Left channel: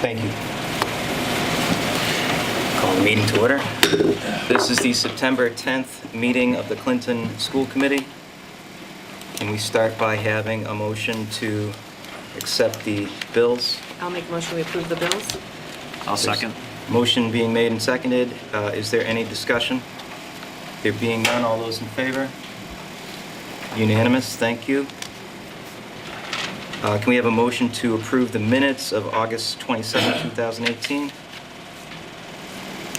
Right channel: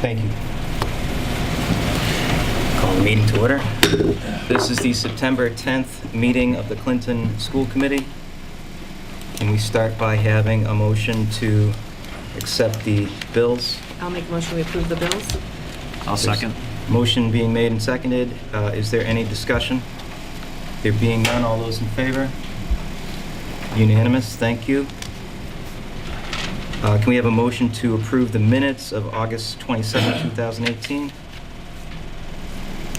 Thank you. Call the meeting to order. This is the September 10th meeting of the Clinton School Committee. Can we start by having a motion to accept the bills? I'll make a motion we approve the bills. I'll second. Motion being made and seconded. Is there any discussion? There being none, all those in favor? Unanimous, thank you. Can we have a motion to approve the minutes of August 27, 2018?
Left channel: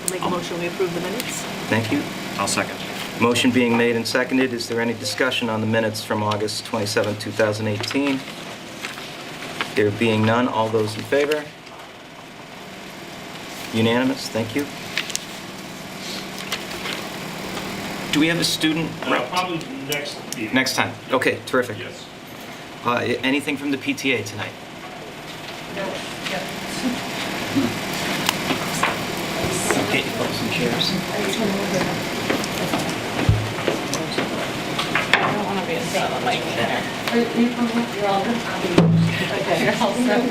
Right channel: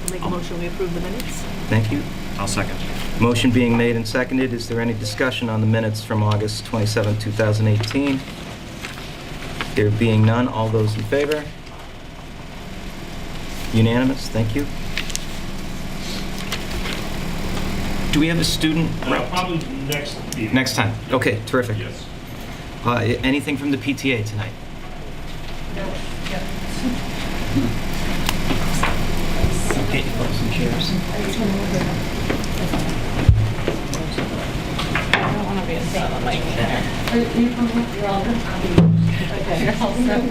I'll make a motion we approve the minutes. Thank you. I'll second. Motion being made and seconded. Is there any discussion on the minutes from August 27, 2018? There being none, all those in favor? Unanimous, thank you. Do we have a student rep? Probably next meeting. Next time. Okay, terrific. Yes. Anything from the PTA tonight? Okay, pull some chairs. I don't want to be a son of my dinner. You're all good. Okay, you're all set.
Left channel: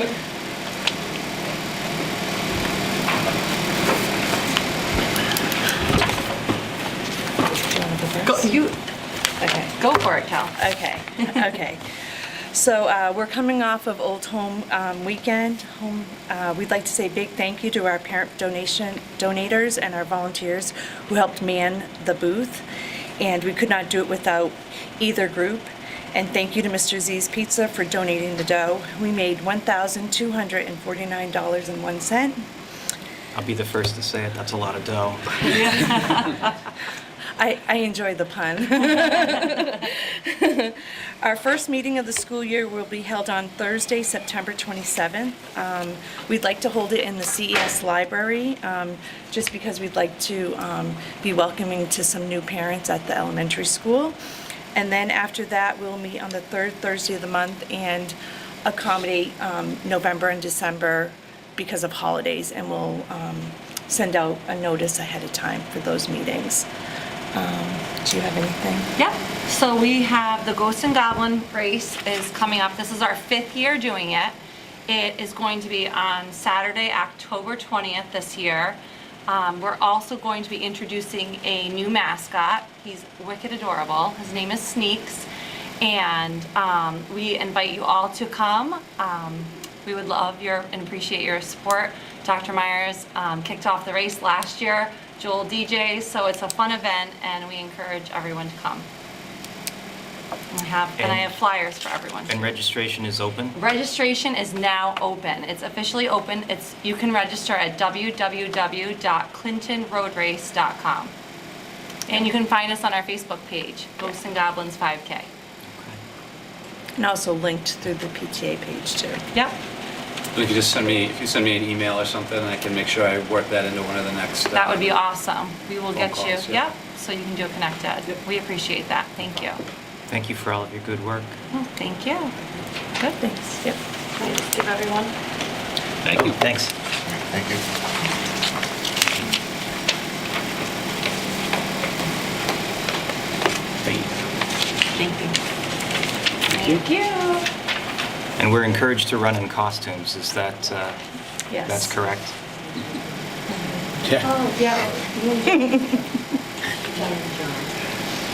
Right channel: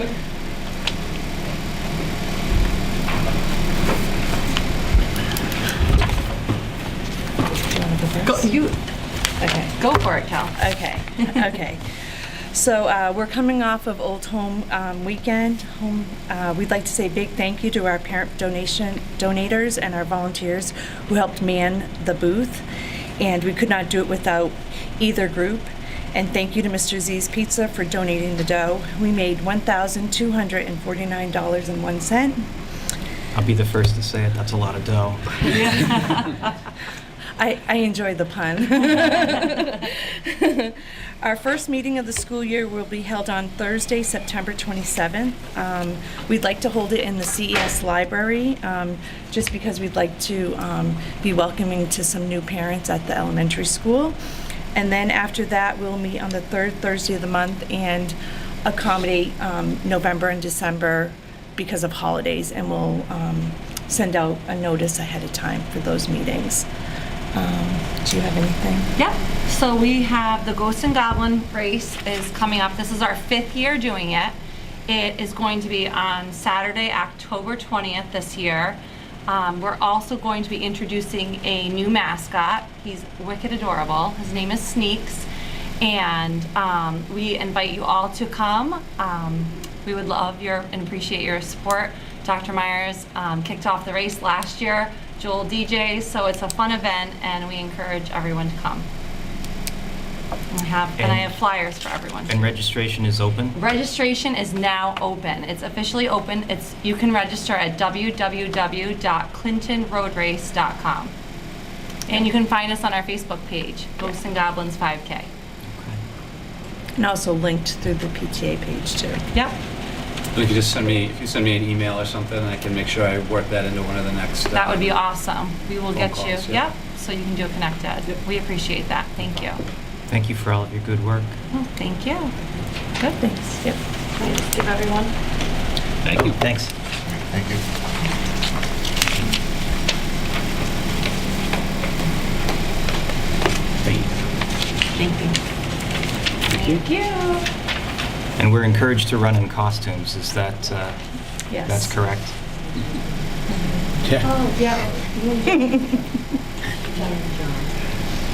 Okay, Go for it, Cal. okay. So we're coming off of Old Home Weekend. We'd like to say a big thank you to our parent donators and our volunteers who helped man the booth. And we could not do it without either group. And thank you to Mr. Z's Pizza for donating the dough. We made $1,249.01. I'll be the first to say it. That's a lot of dough. I enjoyed the pun. Our first meeting of the school year will be held on Thursday, September 27th. We'd like to hold it in the CES library, just because we'd like to be welcoming to some new parents at the elementary school. And then after that, we'll meet on the third Thursday of the month and accommodate November and December because of holidays, and we'll send out a notice ahead of time for those meetings. Do you have anything? Yep. So we have the Ghost and Goblin race is coming up. This is our 5th year doing it. It is going to be on Saturday, October 20th this year. We're also going to be introducing a new mascot. He's wicked adorable. His name is Sneaks. And we invite you all to come. We would love and appreciate your support. Dr. Myers kicked off the race last year. Joel DJs, so it's a fun event, and we encourage everyone to come. I have flyers for everyone. And registration is open? Registration is now open. It's officially open. You can register at www.clintonroadrace.com. And you can find us on our Facebook page, Ghosts and Goblins 5K. And also linked through the PTA page too. Yep. If you send me an email or something, I can make sure I work that into one of the next. That would be awesome. We will get you. calls, yeah. Yep. So you can do a connected. We appreciate that. Thank you. Thank you for all of your good work. Oh, thank you. Good, thanks. Yep. Please give everyone. Thank you. Thanks. Thank you. Thank you. Thank you. And we're encouraged to run in costumes. Is that, Yes. that's correct? Oh, yeah.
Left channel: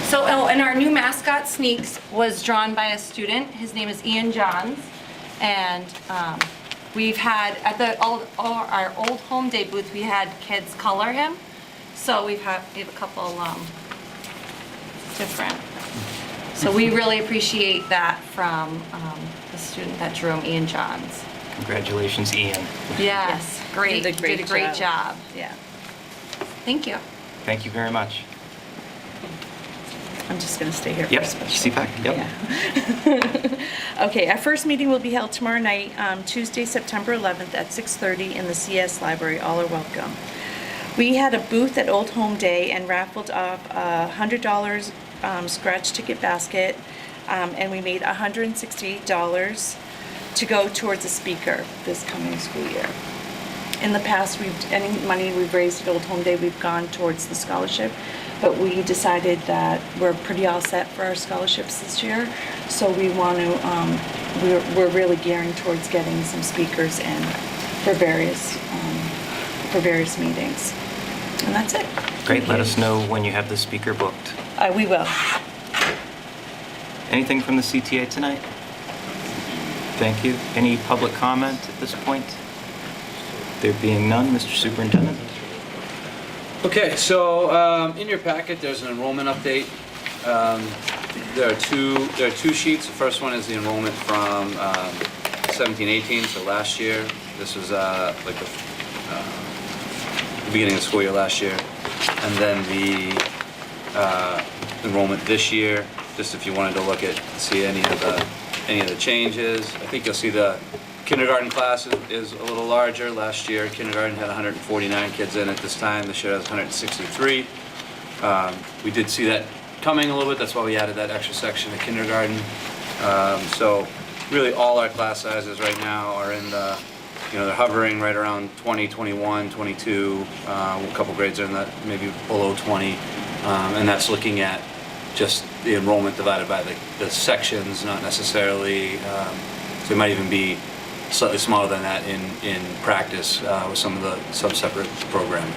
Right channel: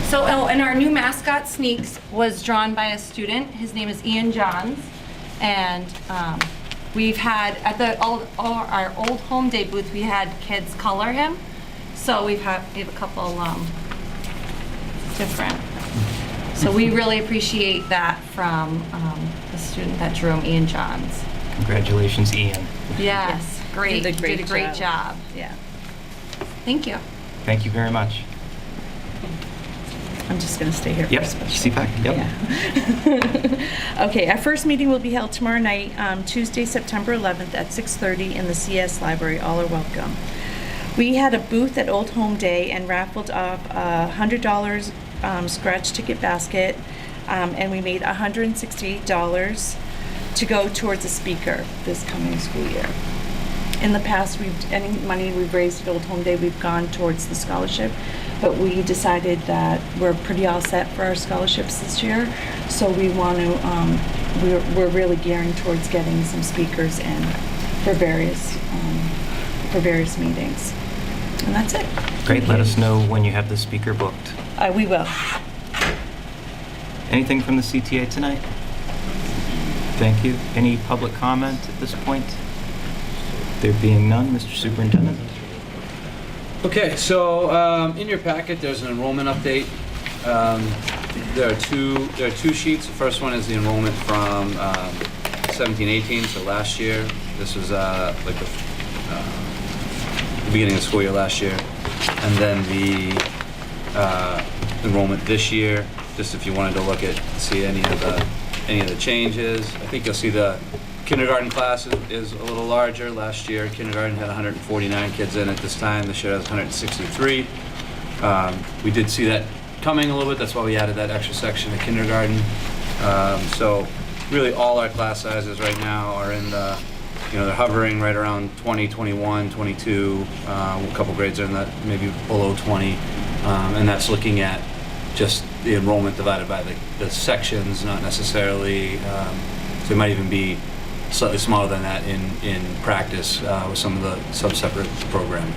So, and our new mascot, Sneaks, was drawn by a student. His name is Ian Johns. And we've had, at our old home day booth, we had kids color him. So we have a couple different. So we really appreciate that from the student that drew him, Ian Johns. Congratulations, Ian. Yes, great. Did a great job. Yeah. Thank you. Thank you very much. I'm just going to stay here for Yep, a special. CPAC, yep. Yeah. Okay, our first meeting will be held tomorrow night, Tuesday, September 11th at 6:30 in the CS Library. All are welcome. We had a booth at Old Home Day and raffled off a $100 scratch ticket basket, and we made $168 to go towards a speaker this coming school year. In the past, any money we've raised at Old Home Day, we've gone towards the scholarship, but we decided that we're pretty all set for our scholarships this year, so we want to, we're really gearing towards getting some speakers in for various meetings. And that's it. Great, let us know when you have the speaker booked. We will. Anything from the CTA tonight? Thank you. Any public comment at this point? There being none, Mr. Superintendent? Okay, so in your packet, there's an enrollment update. There are two sheets. The first one is the enrollment from 17-18, so last year. This was like the beginning of the school year last year. And then the enrollment this year, just if you wanted to look at, see any of the changes. I think you'll see the kindergarten class is a little larger. Last year, kindergarten had 149 kids in it. This time, this year has 163. We did see that coming a little bit. That's why we added that extra section of kindergarten. So really all our class sizes right now are in the, they're hovering right around 20, 21, 22. A couple grades are in that maybe below 20. And that's looking at just the enrollment divided by the sections, not necessarily, so it might even be slightly smaller than that in practice with some of the sub-separate programming.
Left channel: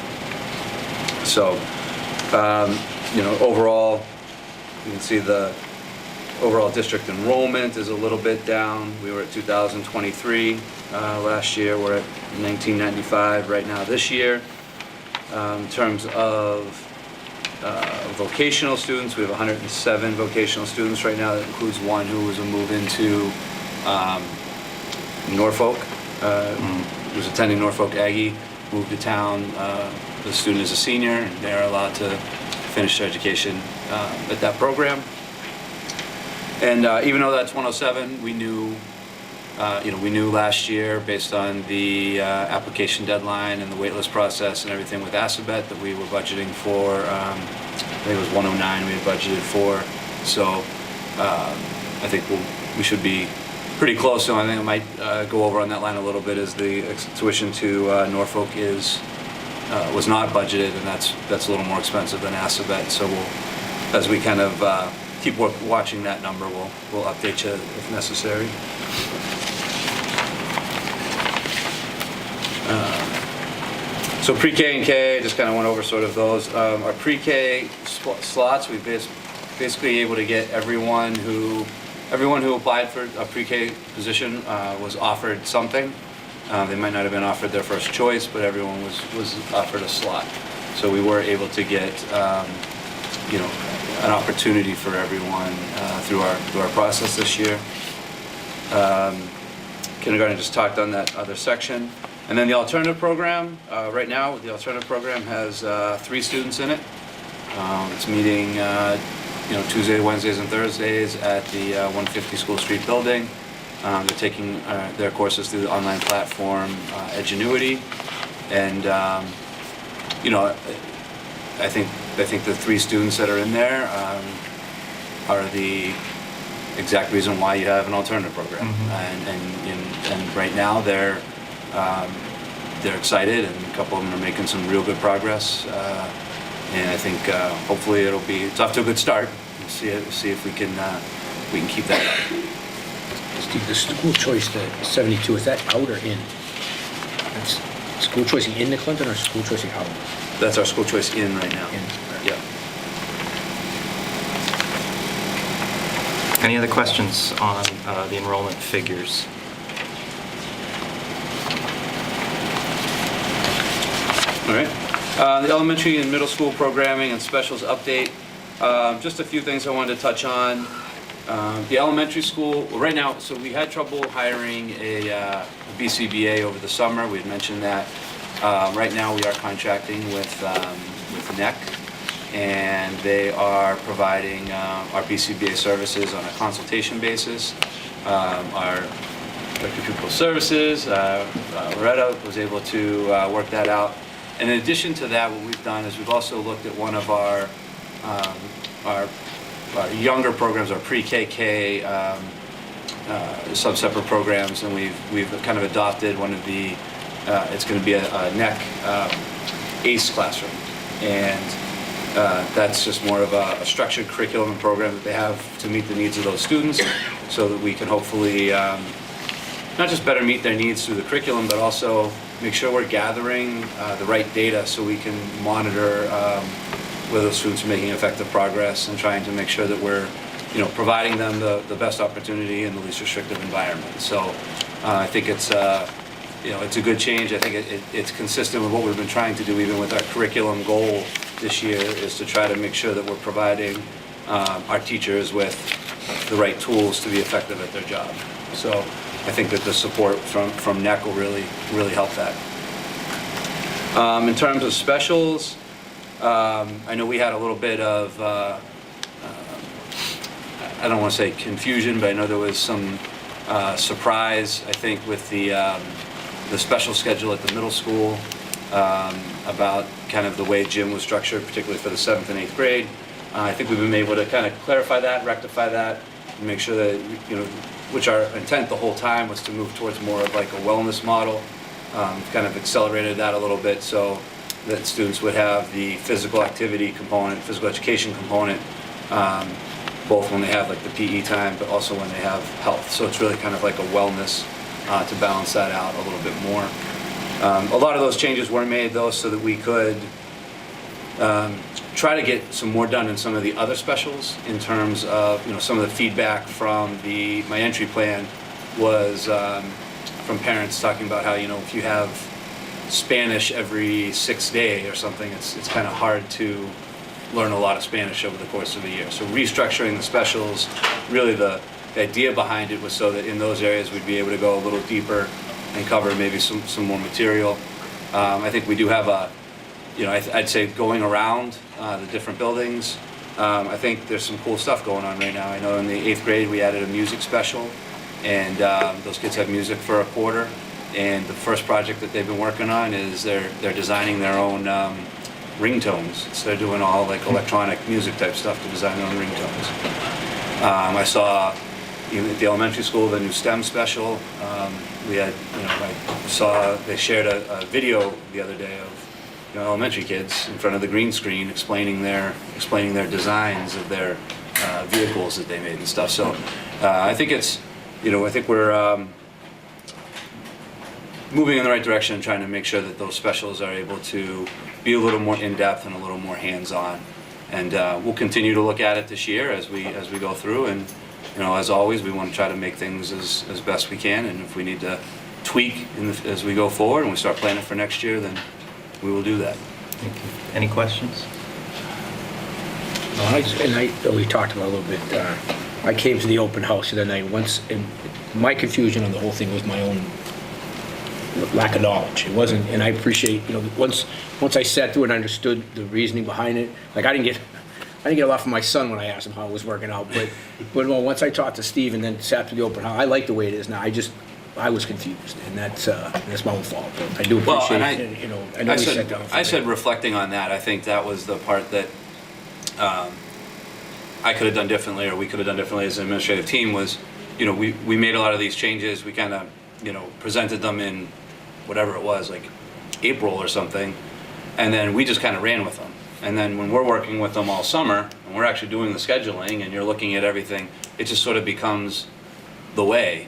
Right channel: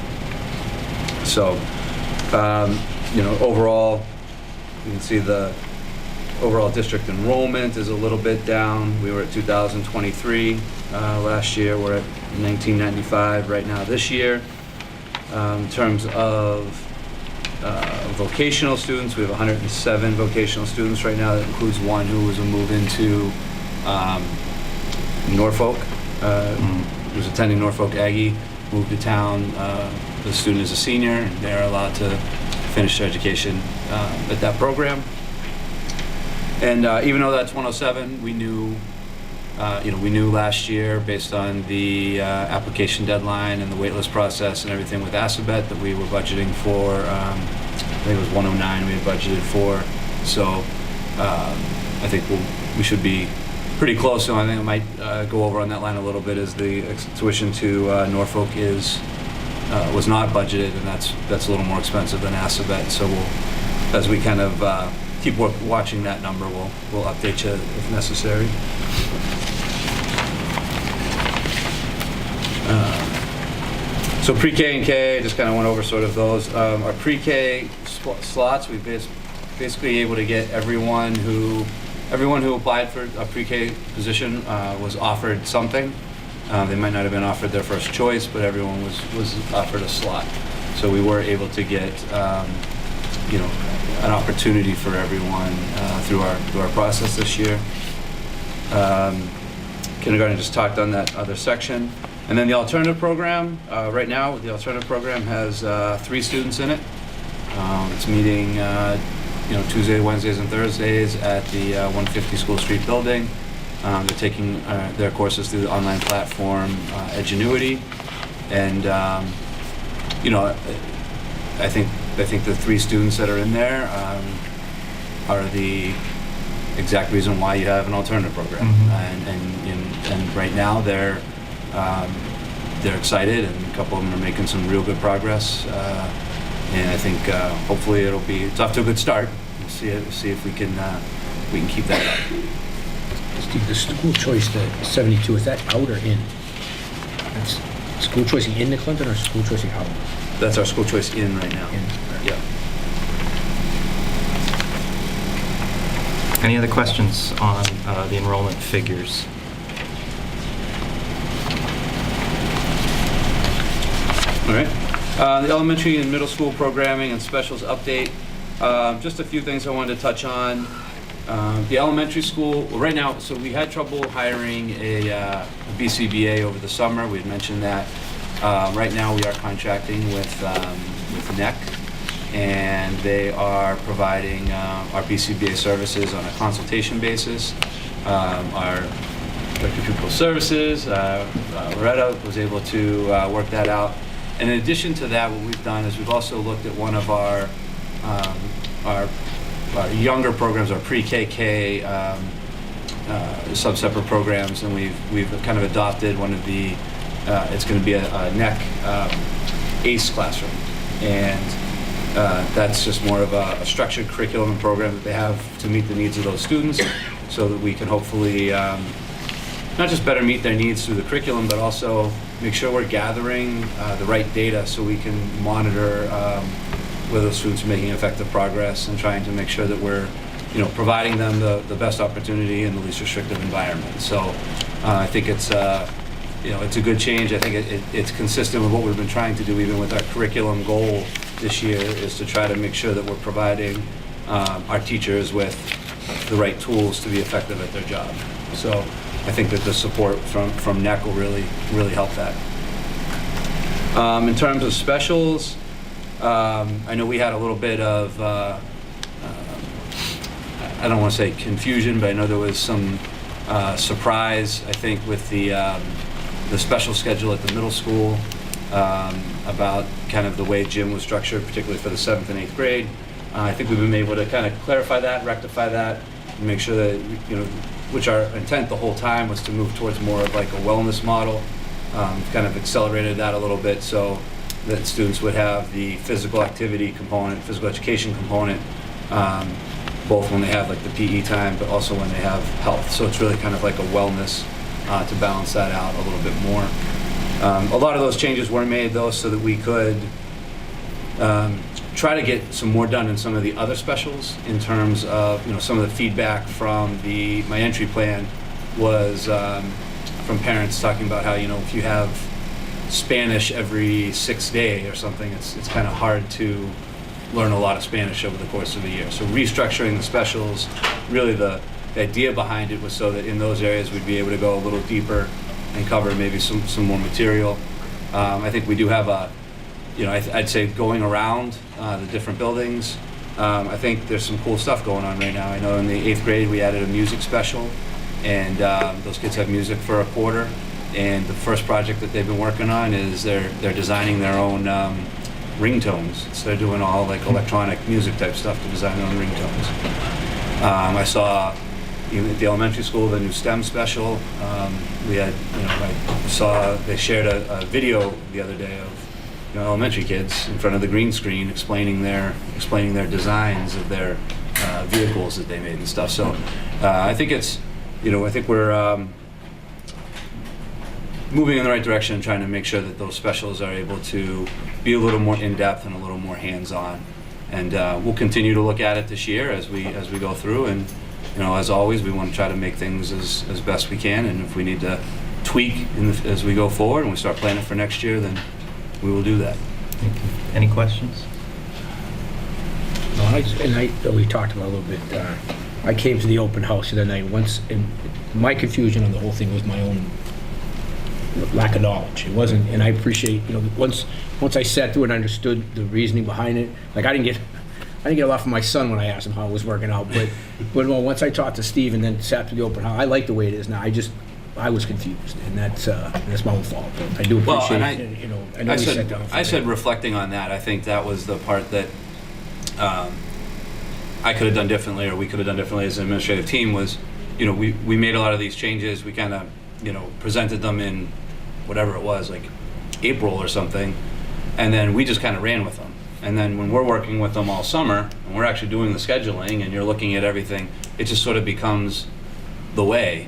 So, overall, you can see the overall district enrollment is a little bit down. We were at 2,023 last year. We're at 1,995 right now this year. In terms of vocational students, we have 107 vocational students right now. That includes one who was a move into Norfolk, who's attending Norfolk Aggie, moved to town. The student is a senior, and they're allowed to finish their education at that program. And even though that's 107, we knew last year, based on the application deadline and the waitlist process and everything with Assabet, that we were budgeting for, I think it was 109 we had budgeted for. So I think we should be pretty close. So I think I might go over on that line a little bit, as the tuition to Norfolk was not budgeted, and that's a little more expensive than Assabet. So as we kind of keep watching that number, we'll update you if necessary. So pre-K and K, just kind of went over sort of those. Our pre-K slots, we've basically able to get everyone who applied for a pre-K position was offered something. They might not have been offered their first choice, but everyone was offered a slot. So we were able to get an opportunity for everyone through our process this year. Kindergarten just talked on that other section. And then the alternative program, right now the alternative program has 3 students in it. It's meeting Tuesday, Wednesdays, and Thursdays at the 150 School Street building. They're taking their courses through the online platform Edgenuity. And I think the 3 students that are in there are the exact reason why you have an alternative program. And right now they're excited, and a couple of them are making some real good progress. And I think hopefully it's off to a good start. We'll see if we can keep that up. Steve, the school choice, the 72, is that out or in? That's school choicing in the Clinton or school choicing out? That's our school choice in right now. In. Yeah. Any other questions on the enrollment figures? All right. The elementary and middle school programming and specials update. Just a few things I wanted to touch on. The elementary school, right now, so we had trouble hiring a BCBA over the summer. We had mentioned that. Right now we are contracting with NEC, and they are providing our BCBA services on a consultation basis. Our Director of Pupil Services, Loretta, was able to work that out. And in addition to that, what we've done is we've also looked at one of our younger programs, our pre-KK sub-separate programs, and we've kind of adopted one of the, it's going to be a NEC ACE classroom. And that's just more of a structured curriculum and program that they have to meet the needs of those students, so that we can hopefully not just better meet their needs through the curriculum, but also make sure we're gathering the right data so we can monitor whether students are making effective progress and trying to make sure that we're, providing them the best opportunity in the least restrictive environment. So I think it's a good change. I think it's consistent with what we've been trying to do, even with our curriculum goal this year, is to try to make sure that we're providing our teachers with the right tools to be effective at their job. So I think that the support from NEC will really help that. In terms of specials, I know we had a little bit of, I don't want to say confusion, but I know there was some surprise, I think, with the special schedule at the middle school about kind of the way gym was structured, particularly for the 7th and 8th grade. I think we've been able to kind of clarify that, rectify that, and make sure that, which our intent the whole time was to move towards more of like a wellness model. Kind of accelerated that a little bit so that students would have the physical activity component, physical education component, both when they have like the PE time, but also when they have health. So it's really kind of like a wellness to balance that out a little bit more. A lot of those changes were made though so that we could try to get some more done in some of the other specials in terms of, some of the feedback from my entry plan was from parents talking about how, if you have Spanish every 6th day or something, it's kind of hard to learn a lot of Spanish over the course of a year. So restructuring the specials, really the idea behind it was so that in those areas we'd be able to go a little deeper and cover maybe some more material. I think we do have I'd say going around the different buildings, I think there's some cool stuff going on right now. I know in the 8th grade we added a music special, and those kids have music for a quarter. And the first project that they've been working on is they're designing their own ringtones. So they're doing all like electronic music type stuff to design their own ringtones. I saw at the elementary school the new STEM special. We had, I saw they shared a video the other day of elementary kids in front of the green screen explaining their designs of their vehicles that they made and stuff. So I think it's, I think we're moving in the right direction and trying to make sure that those specials are able to be a little more in-depth and a little more hands-on. And we'll continue to look at it this year as we go through. And as always, we want to try to make things as best we can. And if we need to tweak as we go forward and we start planning for next year, then we will do that. Thank you. Any questions? We talked about a little bit. I came to the open house the other night once, and my confusion on the whole thing was my own lack of knowledge. It wasn't, and I appreciate, once I sat through and understood the reasoning behind it. Like I didn't get a lot from my son when I asked him how it was working out, but once I talked to Steve and then sat through the open house, I like the way it is now. I was confused, and that's my own fault. But I do appreciate it. I know we sat down. I said reflecting on that, I think that was the part that I could have done differently, or we could have done differently as an administrative team. Was, we made a lot of these changes. We kind of, presented them in whatever it was, like April or something, and then we just kind of ran with them. And then when we're working with them all summer, and we're actually doing the scheduling, and you're looking at everything, it just sort of becomes the way.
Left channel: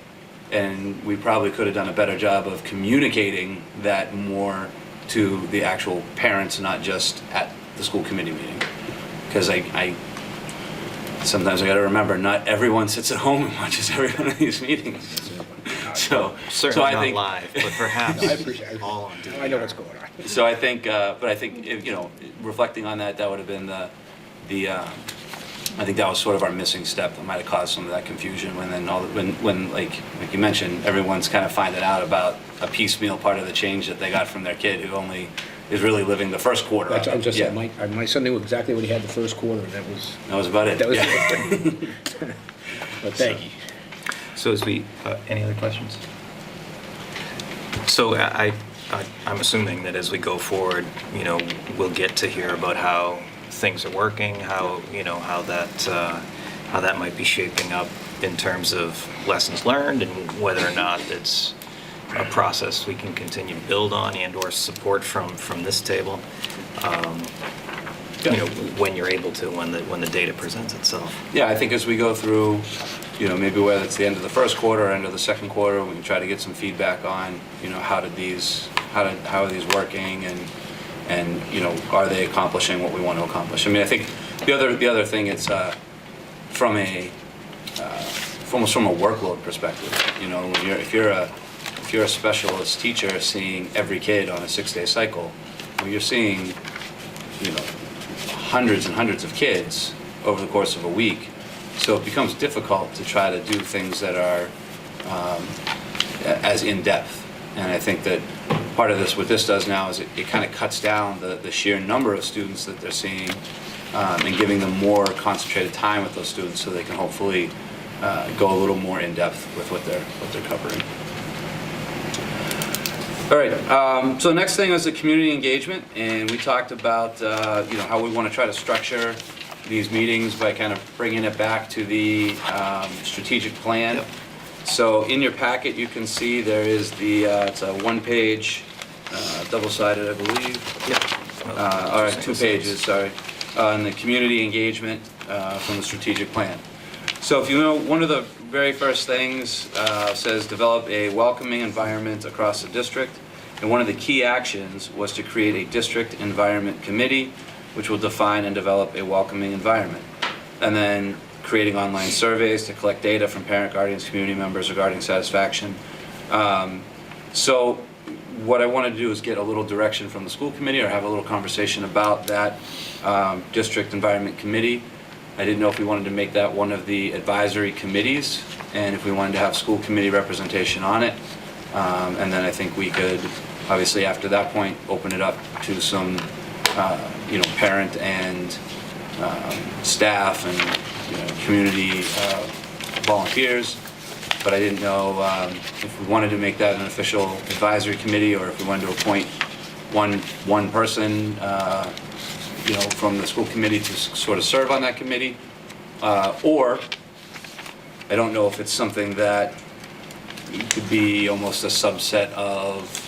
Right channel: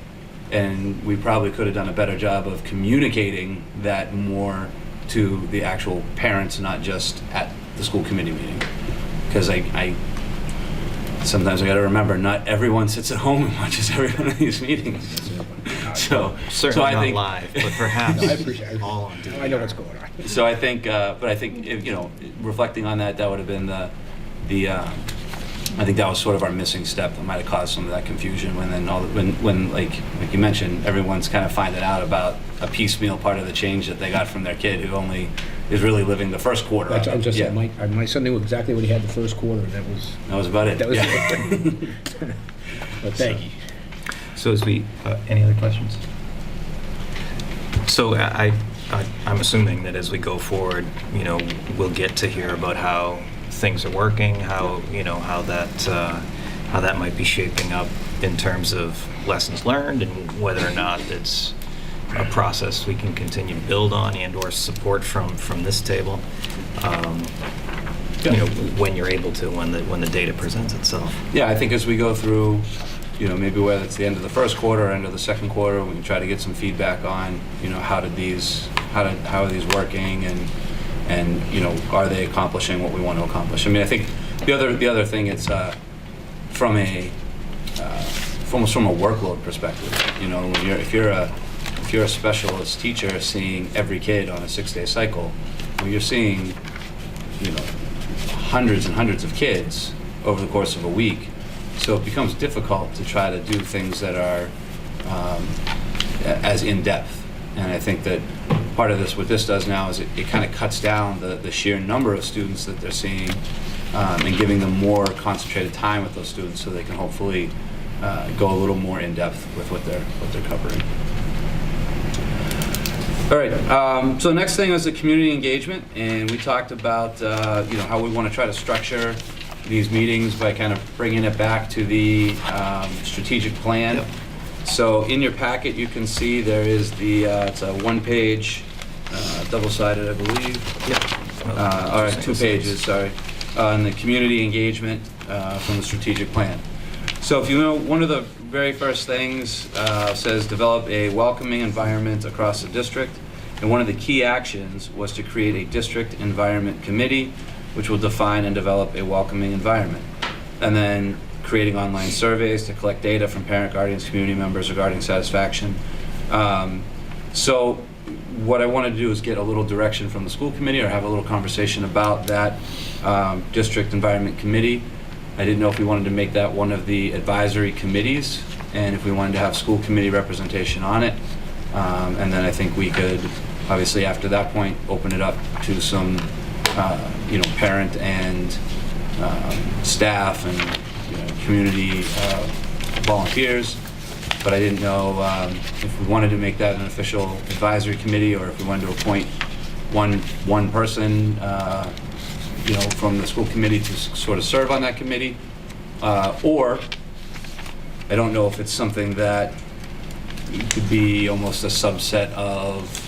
And we probably could have done a better job of communicating that more to the actual parents, not just at the school committee meeting. Because I sometimes I got to remember, not everyone sits at home and watches every one of these meetings. Certainly I not think, live, but perhaps I appreciate it. all on TV. I know what's going on. So I think, but I think, reflecting on that, that would have been I think that was sort of our missing step that might have caused some of that confusion when like you mentioned, everyone's kind of finding out about a piecemeal part of the change that they got from their kid who only is really living the first quarter. That's, of I'm it. just Yeah. saying, my son knew exactly what he had the first quarter, and that was about it. That was Yeah. it. But thank you. So as we, any other questions? So I'm assuming that as we go forward, we'll get to hear about how things are working, how that might be shaping up in terms of lessons learned, and whether or not it's a process we can continue to build on and/or support from this table. When you're able to, when the data presents itself. Yeah, I think as we go through maybe whether it's the end of the first quarter or end of the second quarter, we can try to get some feedback on, how are these working, and are they accomplishing what we want to accomplish? I mean, I think the other thing, it's from almost from a workload perspective. When if you're a specialist teacher seeing every kid on a 6-day cycle, well, you're seeing hundreds and hundreds of kids over the course of a week. So it becomes difficult to try to do things that are as in-depth. And I think that part of what this does now is it kind of cuts down the sheer number of students that they're seeing, and giving them more concentrated time with those students so they can hopefully go a little more in-depth with what they're covering. All right, so the next thing was the community engagement, and we talked about how we want to try to structure these meetings by kind of bringing it back to the strategigic plan. Yep. So in your packet, you can see there is it's a one-page, double-sided, I believe. Yep. All right, 2 pages, sorry, on the community engagement from the strategic plan. So if one of the very first things says develop a welcoming environment across the district, and one of the key actions was to create a district environment committee, which will define and develop a welcoming environment. And then creating online surveys to collect data from parent, guardians, community members regarding satisfaction. So what I wanted to do is get a little direction from the school committee, or have a little conversation about that district environment committee. I didn't know if we wanted to make that one of the advisory committees, and if we wanted to have school committee representation on it. And then I think we could, obviously after that point, open it up to some parent and staff and community volunteers. But I didn't know if we wanted to make that an official advisory committee, or if we wanted to appoint one person from the school committee to sort of serve on that committee. Or I don't know if it's something that could be almost a subset of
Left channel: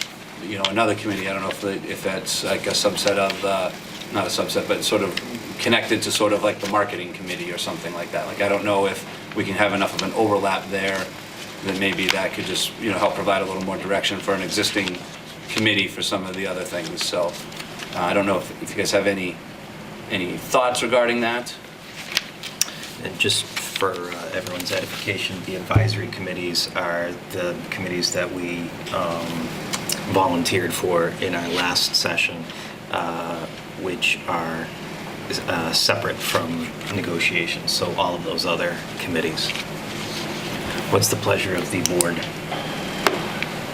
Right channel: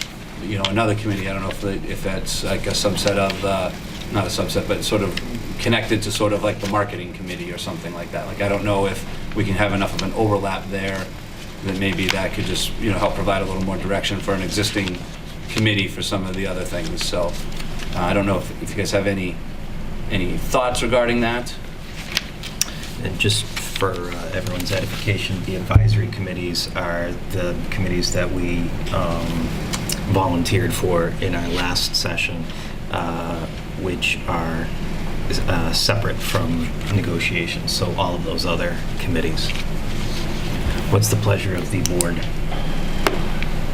another committee. I don't know if that's like a subset of not a subset, but sort of connected to sort of like the marketing committee or something like that. Like, I don't know if we can have enough of an overlap there that maybe that could just help provide a little more direction for an existing committee for some of the other things. So I don't know if you guys have any thoughts regarding that. And just for everyone's edification, the advisory committees are the committees that we volunteered for in our last session, which are separate from negotiations, so all of those other committees. What's the pleasure of the board?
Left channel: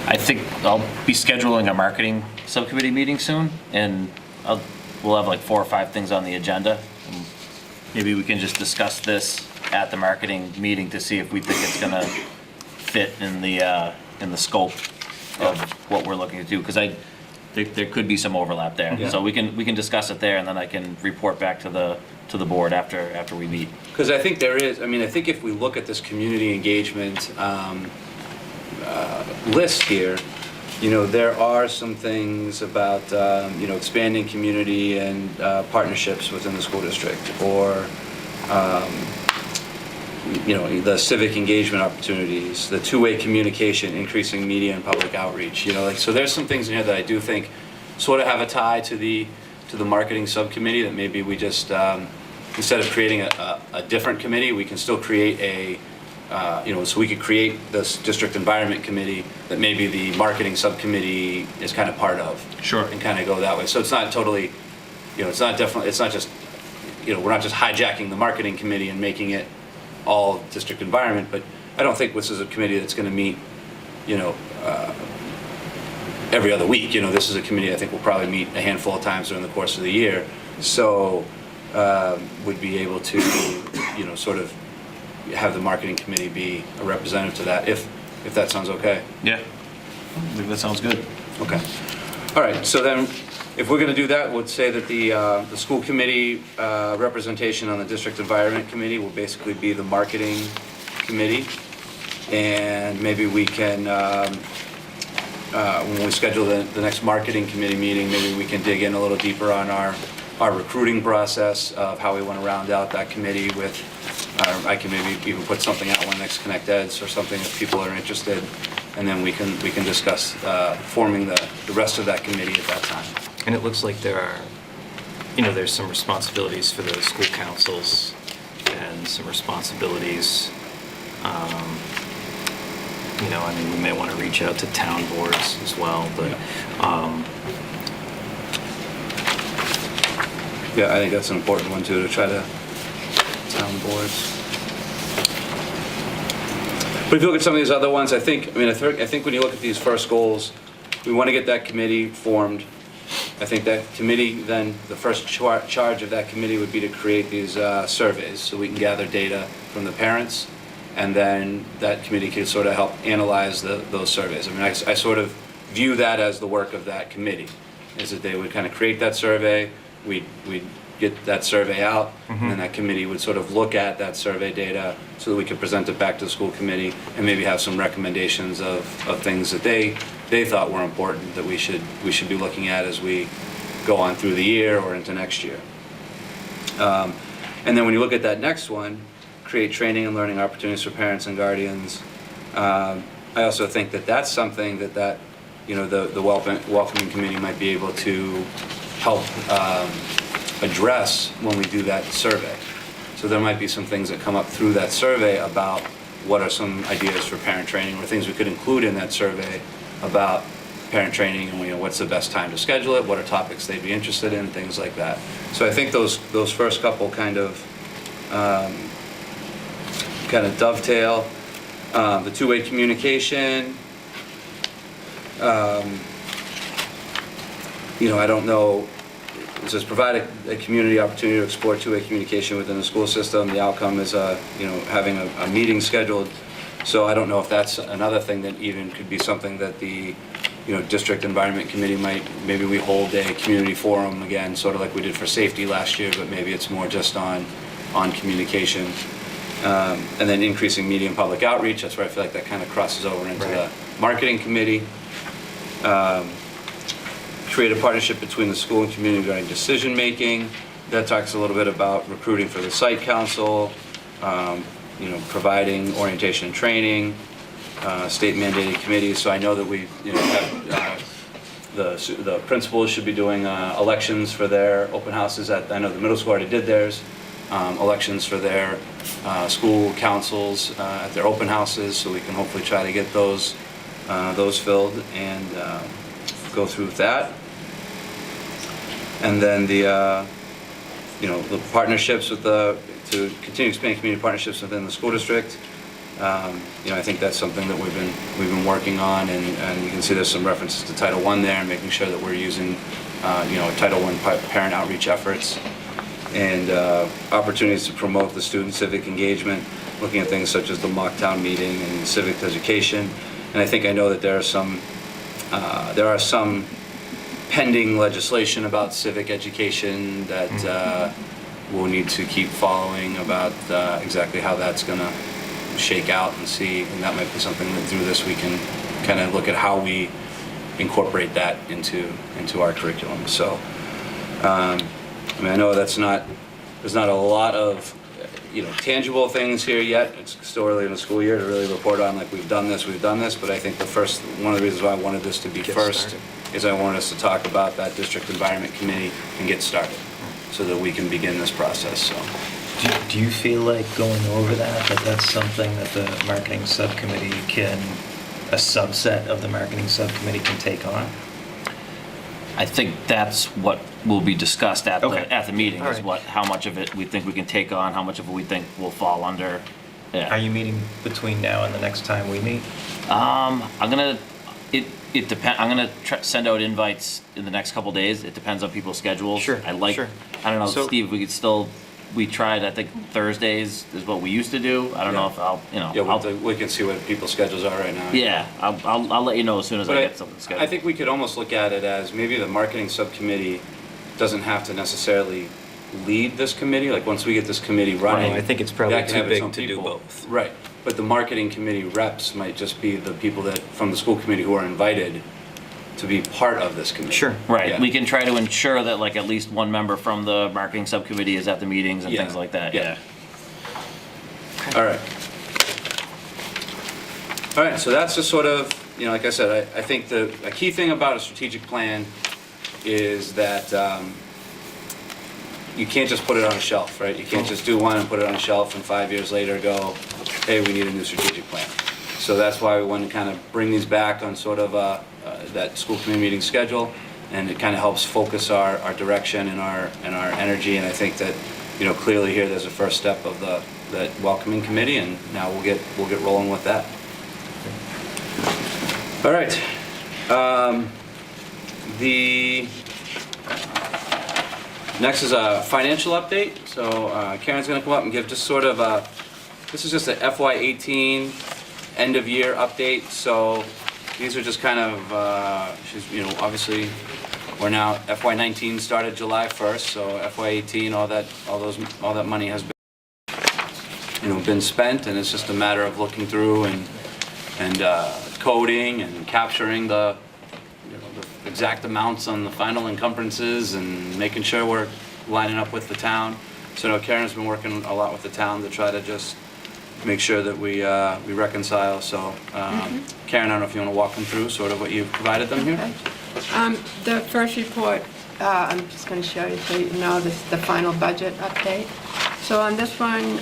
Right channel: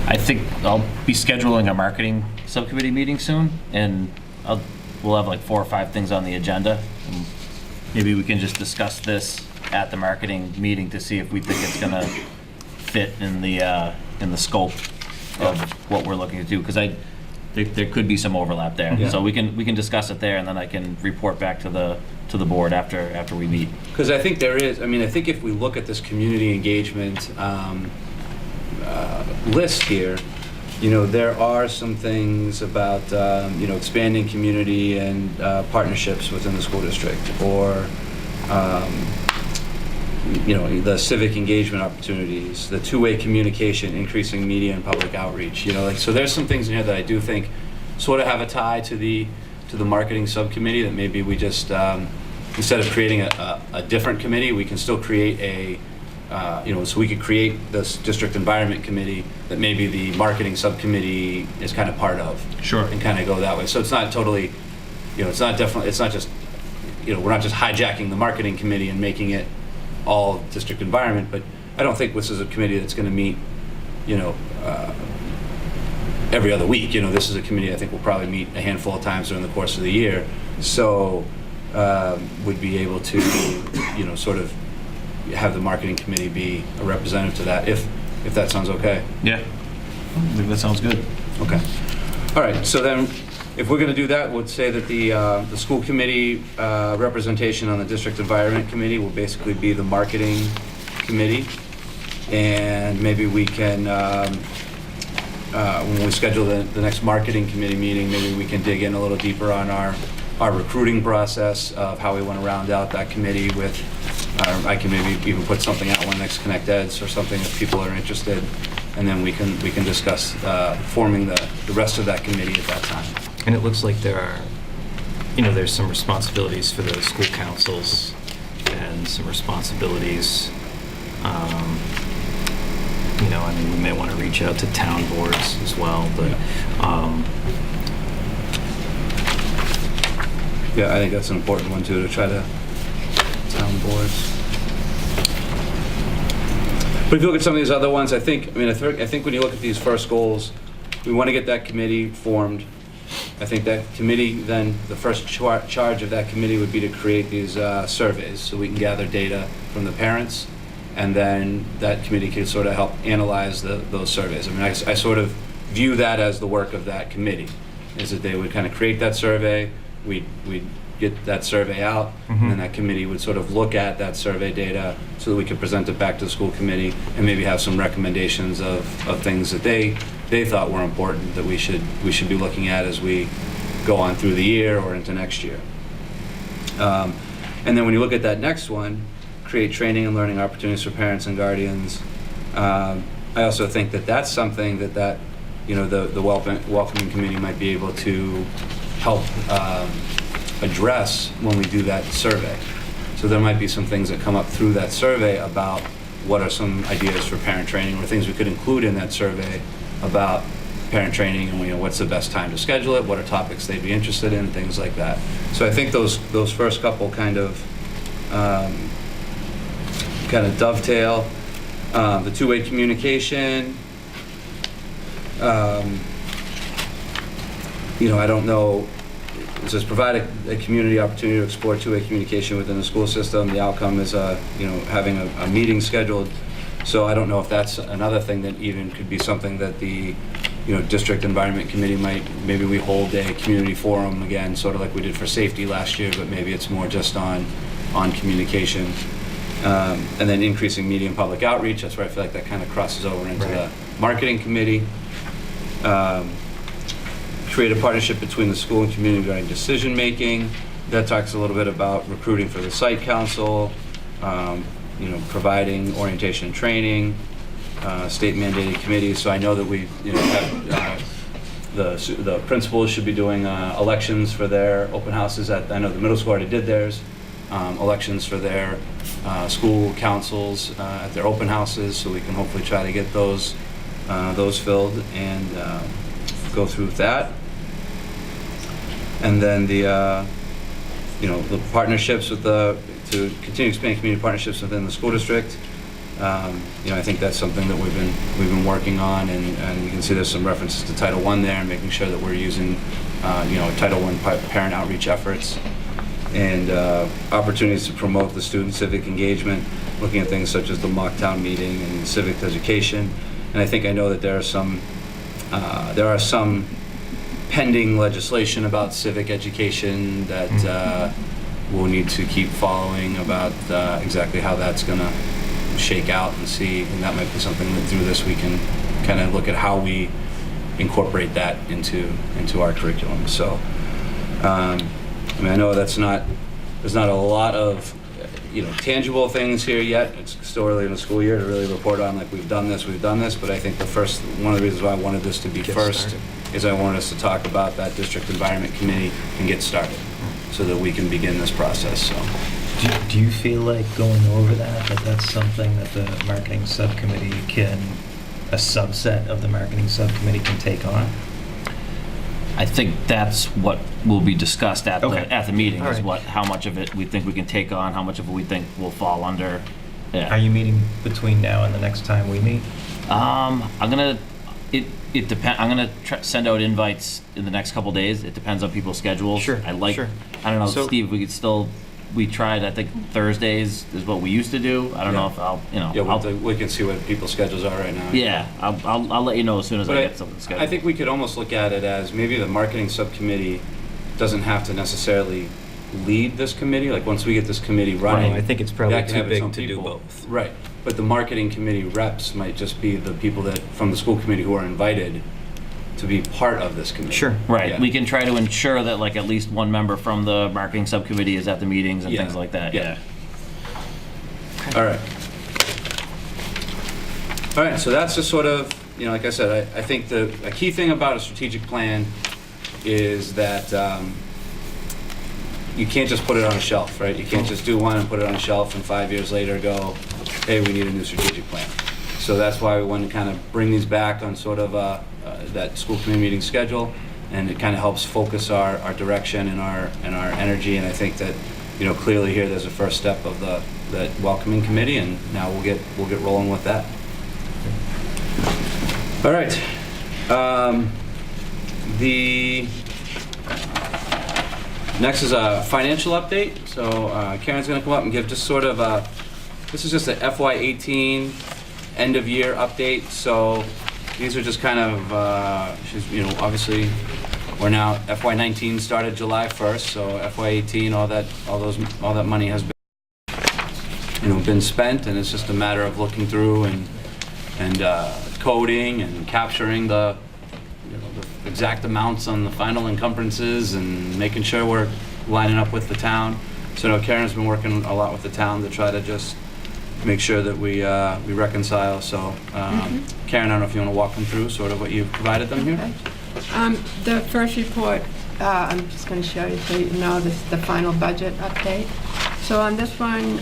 I think I'll be scheduling a marketing subcommittee meeting soon, and we'll have like 4 or 5 things on the agenda. And maybe we can just discuss this at the marketing meeting to see if we think it's gonna fit in the scope of what we're looking to do, because there could be some overlap there. Yeah. So we can discuss it there, and then I can report back to the board after we meet. Because I think there is, I think if we look at this community engagement list here, there are some things about, expanding community and partnerships within the school district, or, the civic engagement opportunities, the two-way communication, increasing media and public outreach, so there's some things in here that I do think sort of have a tie to the marketing subcommittee, that maybe we just, instead of creating a different committee, we can still create so we could create this district environment committee that maybe the marketing subcommittee is kind of part of. Sure. And kind of go that way. So it's not totally, it's not just, we're not just hijacking the marketing committee and making it all district environment, but I don't think this is a committee that's going to meet, every other week. This is a committee I think will probably meet a handful of times during the course of the year. So would be able to, sort of have the marketing committee be a representative to that, if that sounds okay. Yeah, I think that sounds good. Okay. All right, so then if we're going to do that, we'll say that the school committee representation on the district environment committee will basically be the marketing committee. And maybe we can, when we schedule the next marketing committee meeting, maybe we can dig in a little deeper on our recruiting process of how we want to round out that committee with I can maybe even put something out when next Connect Eds or something if people are interested, and then we can discuss forming the rest of that committee at that time. And it looks like there are, there's some responsibilities for the school councils and some responsibilities, we may want to reach out to town boards as well, but, Yeah, I think that's an important one too, to try to town boards. But if you look at some of these other ones, I think when you look at these first goals, we want to get that committee formed. I think that committee, then the first charge of that committee would be to create these surveys so we can gather data from the parents, and then that committee can sort of help analyze those surveys. I mean, I sort of view that as the work of that committee, is that they would kind of create that survey, we'd get that survey out, and then that committee would sort of look at that survey data so that we could present it back to the school committee and maybe have some recommendations of things that they thought were important that we should be looking at as we go on through the year or into next year. And then when you look at that next one, create training and learning opportunities for parents and guardians. I also think that that's something that the welcoming committee might be able to help address when we do that survey. So there might be some things that come up through that survey about what are some ideas for parent training or things we could include in that survey about parent training, and what's the best time to schedule it, what are topics they'd be interested in, things like that. So I think those first couple kind of dovetail. The two-way communication. I don't know. It says provide a community opportunity to explore two-way communication within the school system. The outcome is, having a meeting scheduled. So I don't know if that's another thing that even could be something that the, district environment committee maybe we hold a community forum again, sort of like we did for safety last year, but maybe it's more just on communication. And then increasing media and public outreach. That's where I feel like that kind of crosses over into the marketing committee. Create a partnership between the school and community regarding decision making. That talks a little bit about recruiting for the site council, providing orientation and training, state mandated committees. So I know that we have the principals should be doing elections for their open houses. I know the middle school already did theirs. Elections for their school councils at their open houses, so we can hopefully try to get those filled and go through that. And then the partnerships to continue expanding community partnerships within the school district. I think that's something that we've been working on, and you can see there's some references to Title I there, and making sure that we're using Title I parent outreach efforts, and opportunities to promote the student civic engagement, looking at things such as the mock town meeting and civic education. And I know that there are some pending legislation about civic education that we'll need to keep following about exactly how that's going to shake out and see. And that might be something that through this we can kind of look at how we incorporate that into our curriculum. So, I know there's not a lot of tangible things here yet. It's still early in the school year to really report on like we've done this, but I think one of the reasons why I wanted this to be first is I wanted us to talk about that district environment committee and get started so that we can begin this process. So, do you feel like going over that's something that the marketing subcommittee a subset of the marketing subcommittee can take on? I think that's what will be discussed at the meeting. All is right. how much of it we think we can take on, how much of it we think will fall under. Yeah. Are you meeting between now and the next time we meet? It depends. I'm gonna send out invites in the next couple days. It depends on people's schedules. Sure. I Sure. don't know, So- Steve. We tried. I think Thursdays is what we used to do. I don't know if we can see what people's schedules are right now. Yeah, I'll let you know as soon as I get something scheduled. I think we could almost look at it as maybe the marketing subcommittee doesn't have to necessarily lead this committee. Like once we get this committee running, I think it's probably that can too have its big own to do people. both. Right, but the marketing committee reps might just be the people that from the school committee who are invited to be part of this committee. Sure. Right. Yeah. We can try to ensure that like at least one member from the marketing subcommittee is at the meetings and Yeah. things like that. Yeah. All right. All right, so that's just sort of, like I said, I think a key thing about a strategic plan is that you can't just put it on a shelf, right? You can't just do one and put it on a shelf and 5 years later go, hey, we need a new strategic plan. So that's why we want to kind of bring these back on sort of that school committee meeting schedule, and it kind of helps focus our direction and our energy. And I think that, clearly here there's a first step of that welcoming committee, and now we'll get rolling with that. All right. The next is a financial update. So Karen's going to come up and give just sort of this is just a FY18 end of year update. So these are just kind of obviously we're now FY19 started July 1st. So FY18 all that money has been spent, and it's just a matter of looking through and coding and capturing the exact amounts on the final encumbrances and making sure we're lining up with the town. So Karen's been working a lot with the town to try to just make sure that we reconcile. So Karen, I don't know if you want to walk them through sort of what you've provided them here. The first report, I'm just going to show you so you know this is the final budget update. So on this one,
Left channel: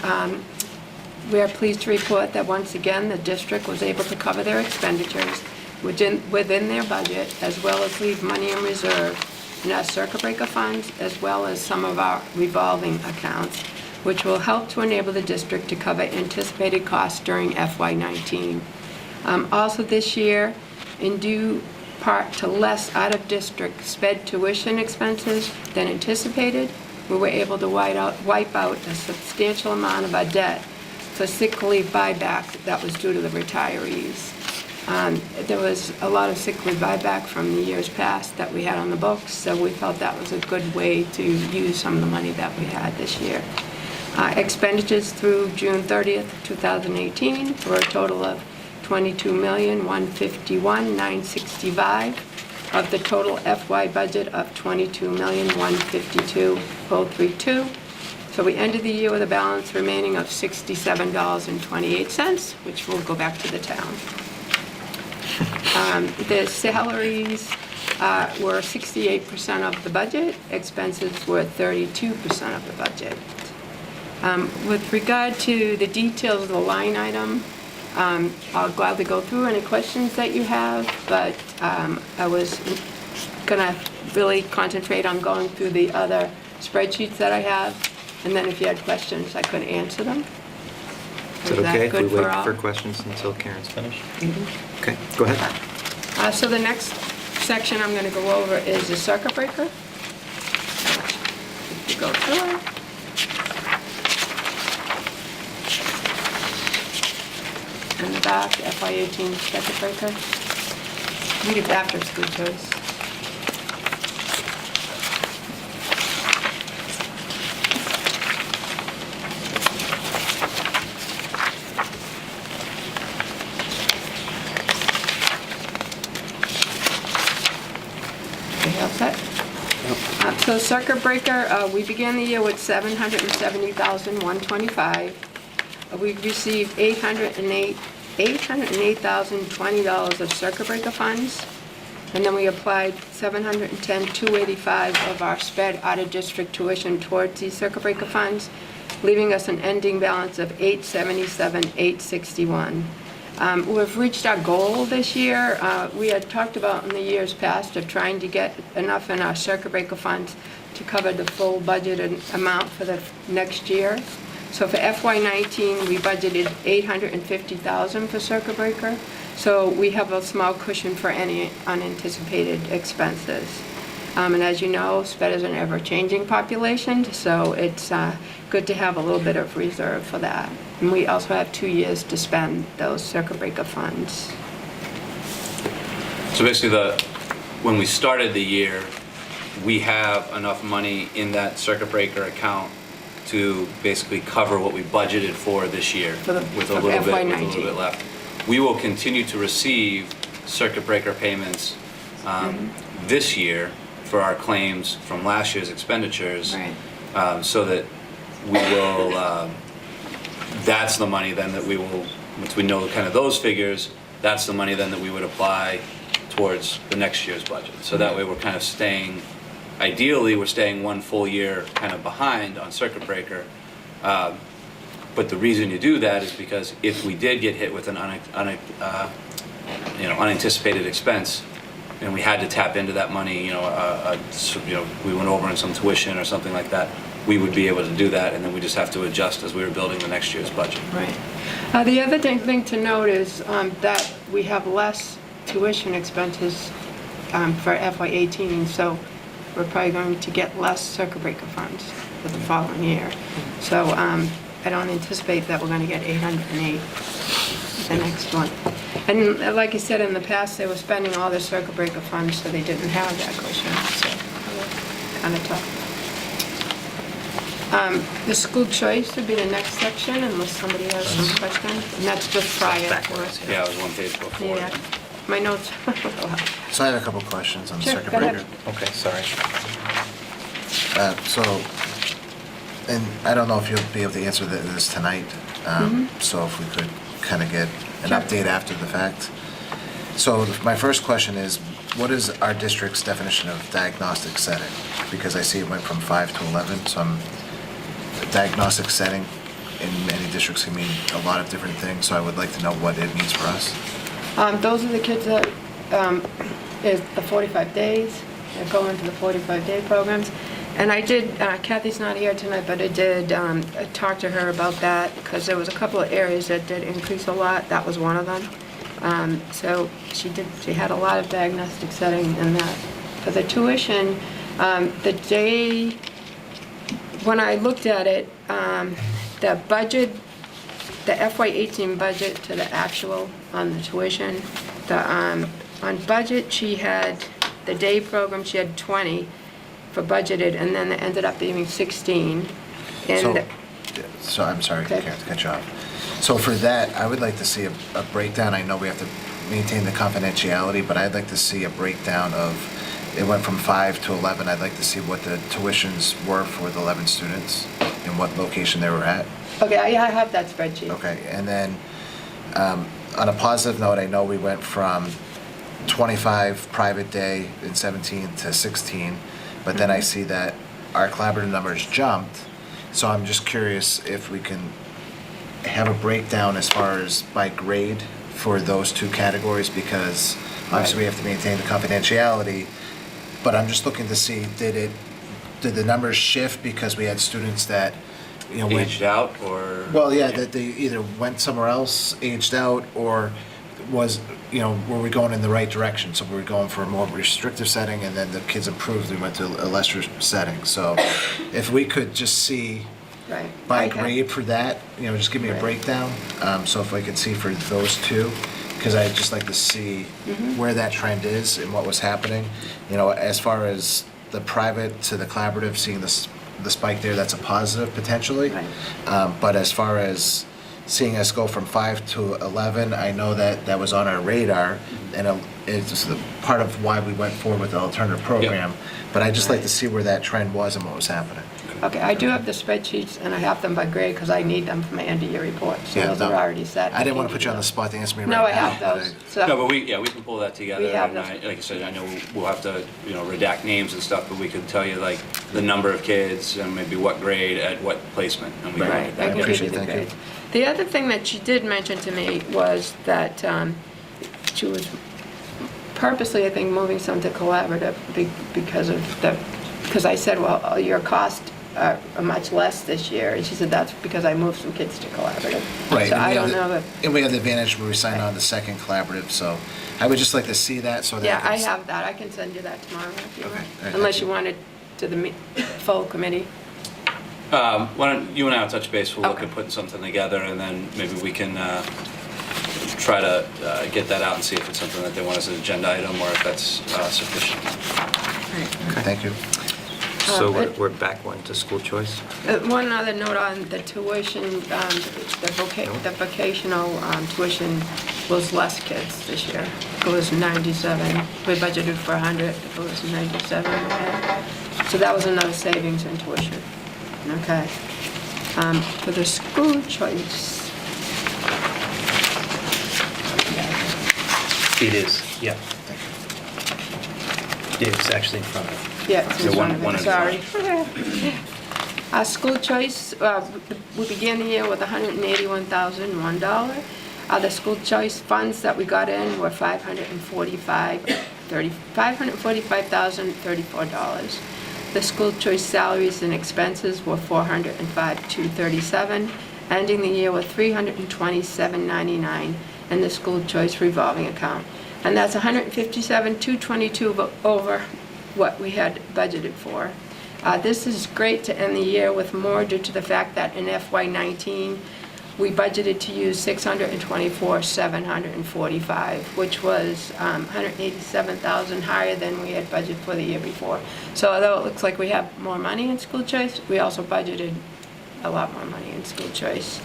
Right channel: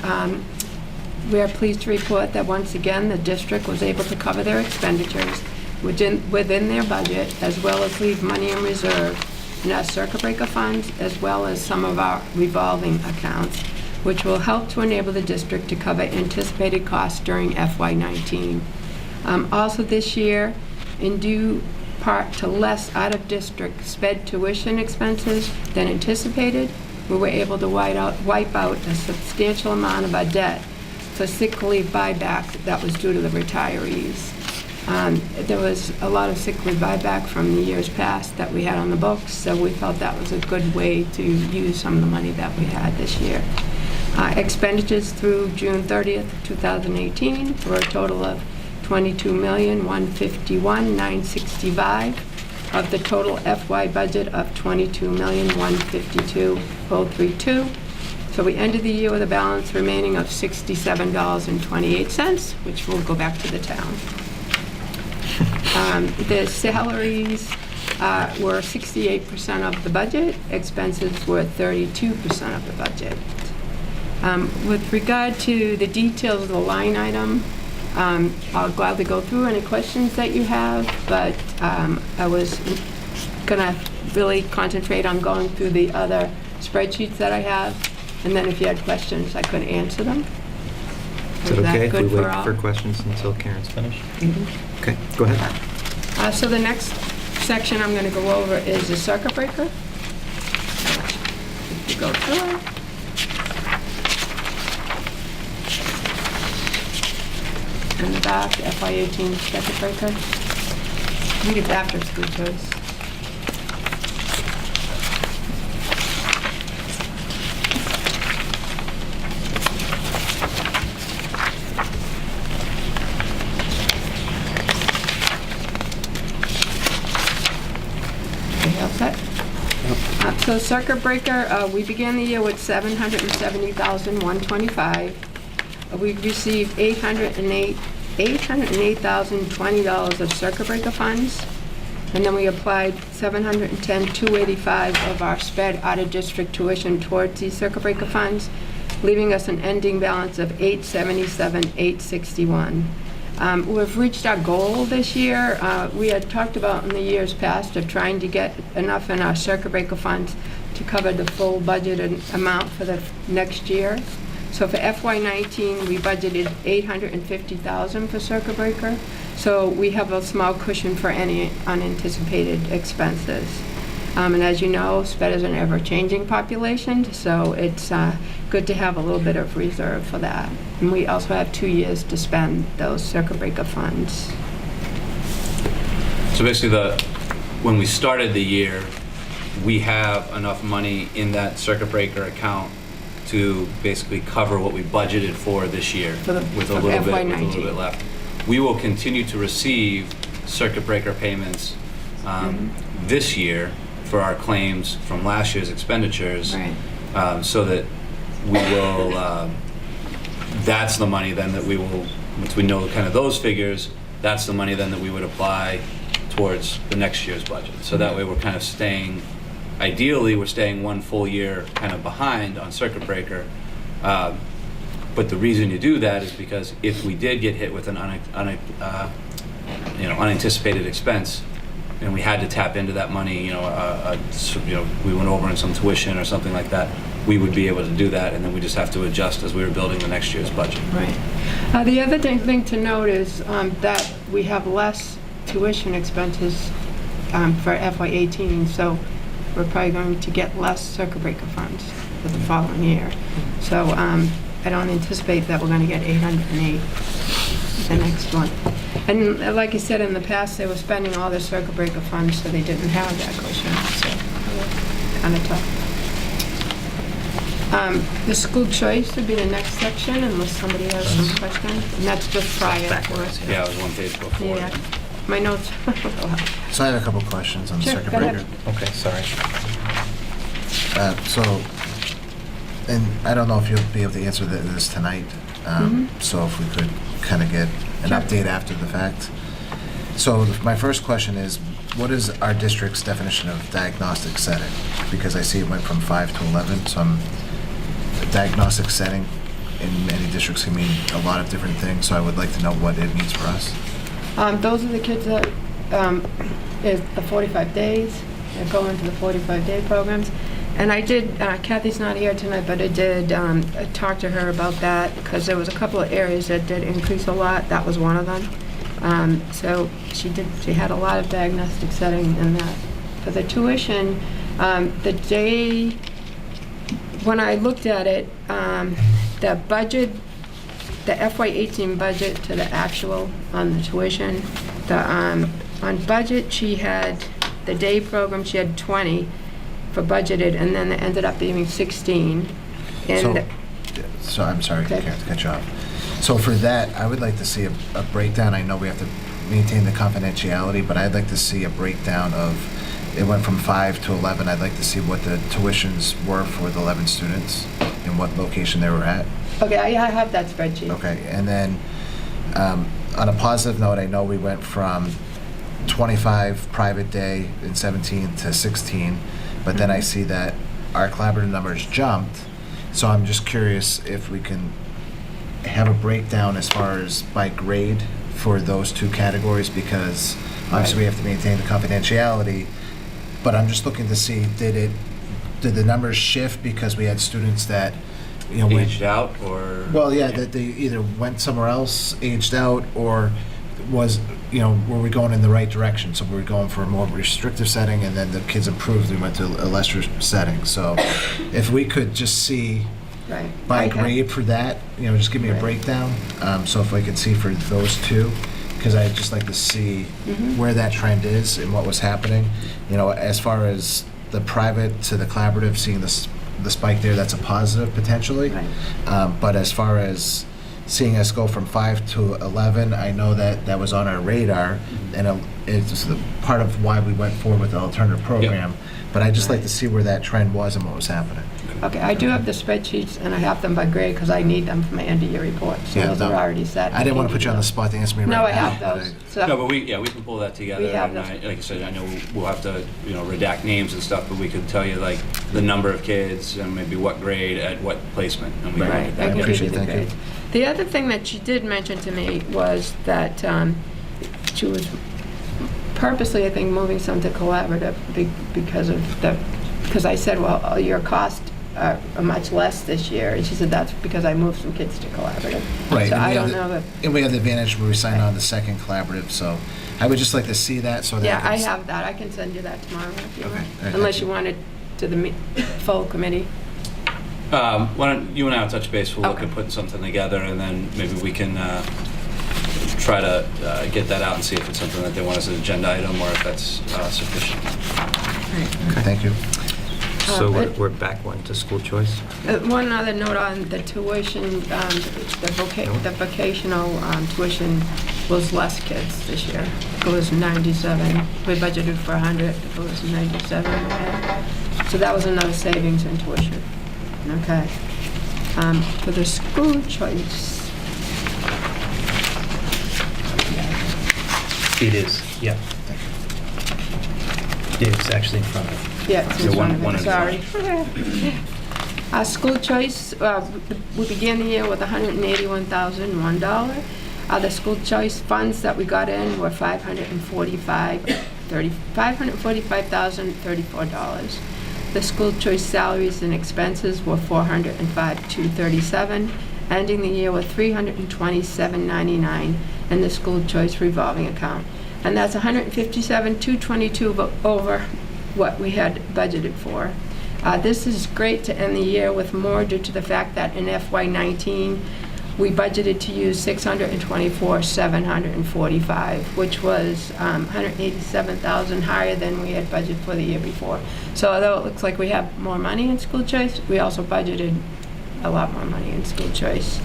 we are pleased to report that once again the district was able to cover their expenditures within their budget, as well as leave money in reserve in our circuit breaker funds, as well as some of our revolving accounts, which will help to enable the district to cover anticipated costs during FY19. Also this year, in due part to less out-of-district sped tuition expenses than anticipated, we were able to wipe out a substantial amount of our debt for sick leave buyback that was due to the retirees. There was a lot of sick leave buyback from the years past that we had on the books, so we felt that was a good way to use some of the money that we had this year. Expenditures through June 30th, 2018 were a total of $22,151,965 of the total FY budget of $22,152,032. So we ended the year with a balance remaining of $67.28, which will go back to the town. The salaries were 68% of the budget. Expenses were 32% of the budget. With regard to the details of the line item, I'll gladly go through any questions that you have, but I was going to really concentrate on going through the other spreadsheets that I have, and then if you had questions, I could answer them. Is it okay if we good for wait all? for questions until Karen's finished? Okay, go ahead. So the next section I'm going to go over is the circuit breaker. You go through it. In the back, the FY18 circuit breaker. Read it after school choice. Okay, all set? So circuit breaker, we began the year with $770,125. We received $808,020 of circuit breaker funds, and then we applied $710,285 of our sped out-of-district tuition towards these circuit breaker funds, leaving us an ending balance of $877,861. We've reached our goal this year. We had talked about in the years past of trying to get enough in our circuit breaker funds to cover the full budgeted amount for the next year. So for FY19, we budgeted $850,000 for circuit breaker. So we have a small cushion for any unanticipated expenses. And as you know, SPED is an ever-changing population, so it's good to have a little bit of reserve for that. And we also have 2 years to spend those circuit breaker funds. So basically, when we started the year, we have enough money in that circuit breaker account to basically cover what we budgeted for this year with a little bit left. We will continue to receive circuit breaker payments this year for our claims from last year's expenditures, Right. so that we will that's the money then that we will, once we know kind of those figures, that's the money then that we would apply towards the next year's budget. So that way we're kind of staying, ideally, we're staying one full year kind of behind on circuit breaker. But the reason you do that is because if we did get hit with an unanticipated expense, and we had to tap into that money, we went over in some tuition or something like that, we would be able to do that, and then we just have to adjust as we were building the next year's budget. Right. The other thing to note is that we have less tuition expenses for FY18, so we're probably going to get less circuit breaker funds for the following year. So I don't anticipate that we're going to get 808 the next one. And like I said, in the past, they were spending all their circuit breaker funds, so they didn't have that cushion, so kind of tough. The school choice would be the next section, unless somebody has some questions, and that's just prior for us. Yeah, it was one page before. Yeah, my notes. So I have a couple questions on the Sure, circuit go ahead. breaker. Okay, sorry. And I don't know if you'll be able to answer this tonight, so if we could kind of get an Sure. update after the fact. So my first question is, what is our district's definition of diagnostic setting? Because I see it went from 5 to 11, so a diagnostic setting in many districts can mean a lot of different things, so I would like to know what it means for us. Those are the kids that is the 45 days, that go into the 45-day programs. And I did, Kathy's not here tonight, but I did talk to her about that, because there was a couple of areas that did increase a lot. That was one of them. So she had a lot of diagnostic setting in that. For the tuition, the day, when I looked at it, the budget, the FY18 budget to the actual on the tuition, on budget, she had, the day program, she had 20 for budgeted, and then it ended up being 16. And So I'm sorry, Okay. Karen, to cut you off. So for that, I would like to see a breakdown. I know we have to maintain the confidentiality, but I'd like to see a breakdown of, it went from 5 to 11. I'd like to see what the tuitions were for the 11 students and what location they were at. okay, I have that spreadsheet. Okay, and then on a positive note, I know we went from 25 private day in 17 to 16, but then I see that our collaborative numbers jumped. So I'm just curious if we can have a breakdown as far as by grade for those two categories, because obviously we have to maintain the confidentiality, but I'm just looking to see, did the numbers shift because we had students that, went Aged out, or? well, yeah, that they either went somewhere else, aged out, or was, were we going in the right direction? So were we going for a more restrictive setting, and then the kids improved, we went to a lesser setting. So if we could just see Right. by Okay. grade for that, just give me a Right. breakdown. So if I could see for those two, because I'd just like to see where that trend is and what was happening. As far as the private to the collaborative, seeing the spike there, that's a positive potentially. Right. But as far as seeing us go from 5 to 11, I know that was on our radar, and it's the part of why we went forward with the alternative program. But I'd just like to see where that trend was and what was happening. Okay, I do have the spreadsheets, and I have them by grade, because I need them for my end-of-year report, so Yeah, those no, are already set. I didn't want to put you on the spot to answer me right now. No, I have but those, No, so, but we can pull that together. We have And those. like I said, I know we'll have to, redact names and stuff, but we could tell you like the number of kids and maybe what grade at what placement. And we can right, look at I that. can give Appreciate you the it, thank you. grades. The other thing that she did mention to me was that she was purposely, I think, moving some to collaborative because I said, well, your costs are much less this year, and she said, that's because I moved some kids to collaborative. Right. So and I we don't have know if, And we have the advantage where we signed on the second collaborative, so I would just like to see that so that. yeah, I can- have that, I can send you that tomorrow if you Okay, want, all right, unless thank you you. wanted to the full committee. Why don't you and I will touch base, we'll look Okay. at putting something together, and then maybe we can try to get that out and see if it's something that they want as an agenda item, or if that's sufficient. Thank you. So but- we're back one to school choice? One other note on the tuition, the vocational tuition was less kids this year. It was 97. We budgeted for 100, it was 97. So that was another savings in tuition. Okay. For the school choice, It is, yeah. It's actually in front of Yeah, it's in Yeah, front one of it, at a sorry. School choice, we began the year with $181,001. The school choice funds that we got in were $545,034. The school choice salaries and expenses were $405,237, ending the year with $327,999 in the school choice revolving account. And that's $157,222 over what we had budgeted for. This is great to end the year with more due to the fact that in FY19, we budgeted to use $624,745, which was $187,000 higher than we had budgeted for the year before. So although it looks like we have more money in school choice, we also budgeted a lot more money in school choice.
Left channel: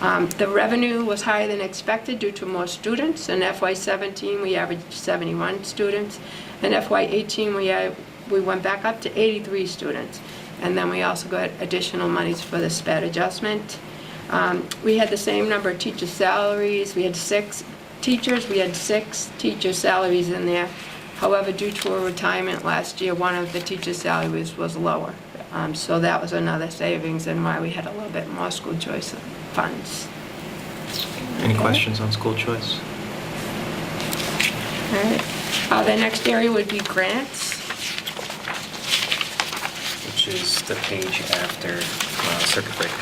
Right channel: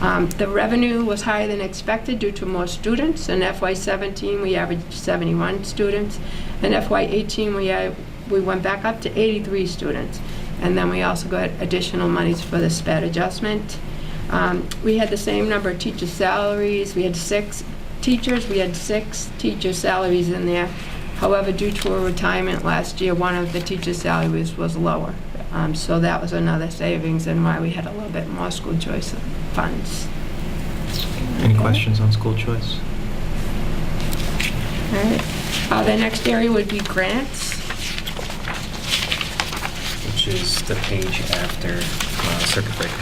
The revenue was higher than expected due to more students. In FY17, we averaged 71 students. In FY18, we went back up to 83 students. And then we also got additional monies for the SPED adjustment. We had the same number of teacher salaries. We had 6 teachers. We had 6 teacher salaries in there. However, due to a retirement last year, one of the teacher salaries was lower. So that was another savings and why we had a little bit more school choice funds. Any questions on school choice? All right. The next area would be grants. which is the page after circuit breaker.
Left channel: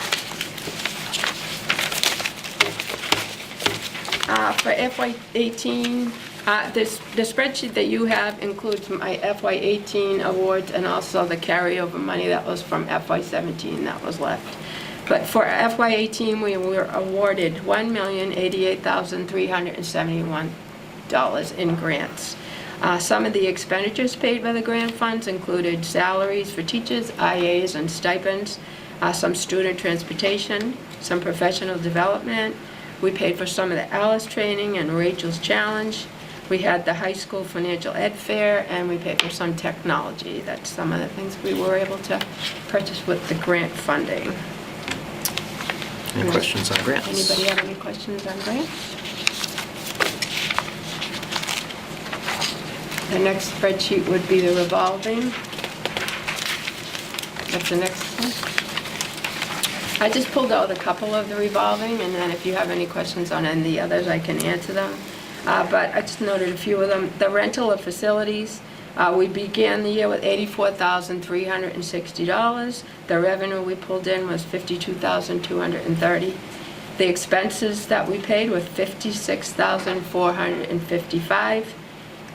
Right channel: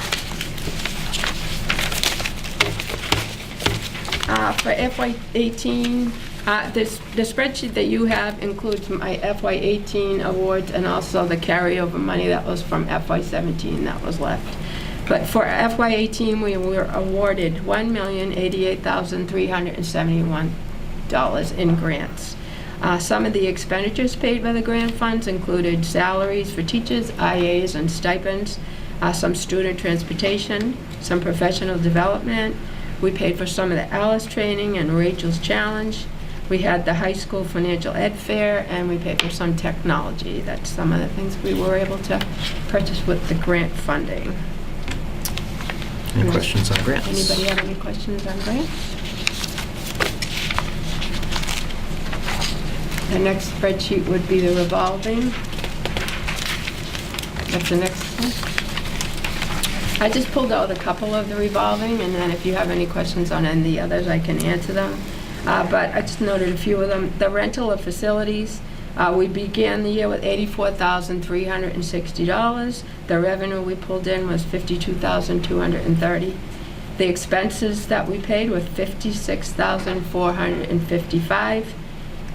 For FY18, the spreadsheet that you have includes my FY18 awards and also the carryover money that was from FY17 that was left. But for FY18, we were awarded $1,088,371 in grants. Some of the expenditures paid by the grant funds included salaries for teachers, IAs, and stipends, some student transportation, some professional development. We paid for some of the Alice training and Rachel's Challenge. We had the high school financial ed fair, and we paid for some technology. That's some of the things we were able to purchase with the grant funding. Any questions on grants? Anybody have any questions on grants? The next spreadsheet would be the revolving. That's the next one. I just pulled out a couple of the revolving, and then if you have any questions on any of the others, I can answer them. But I just noted a few of them. The rental of facilities, we began the year with $84,360. The revenue we pulled in was $52,230. The expenses that we paid were $56,455.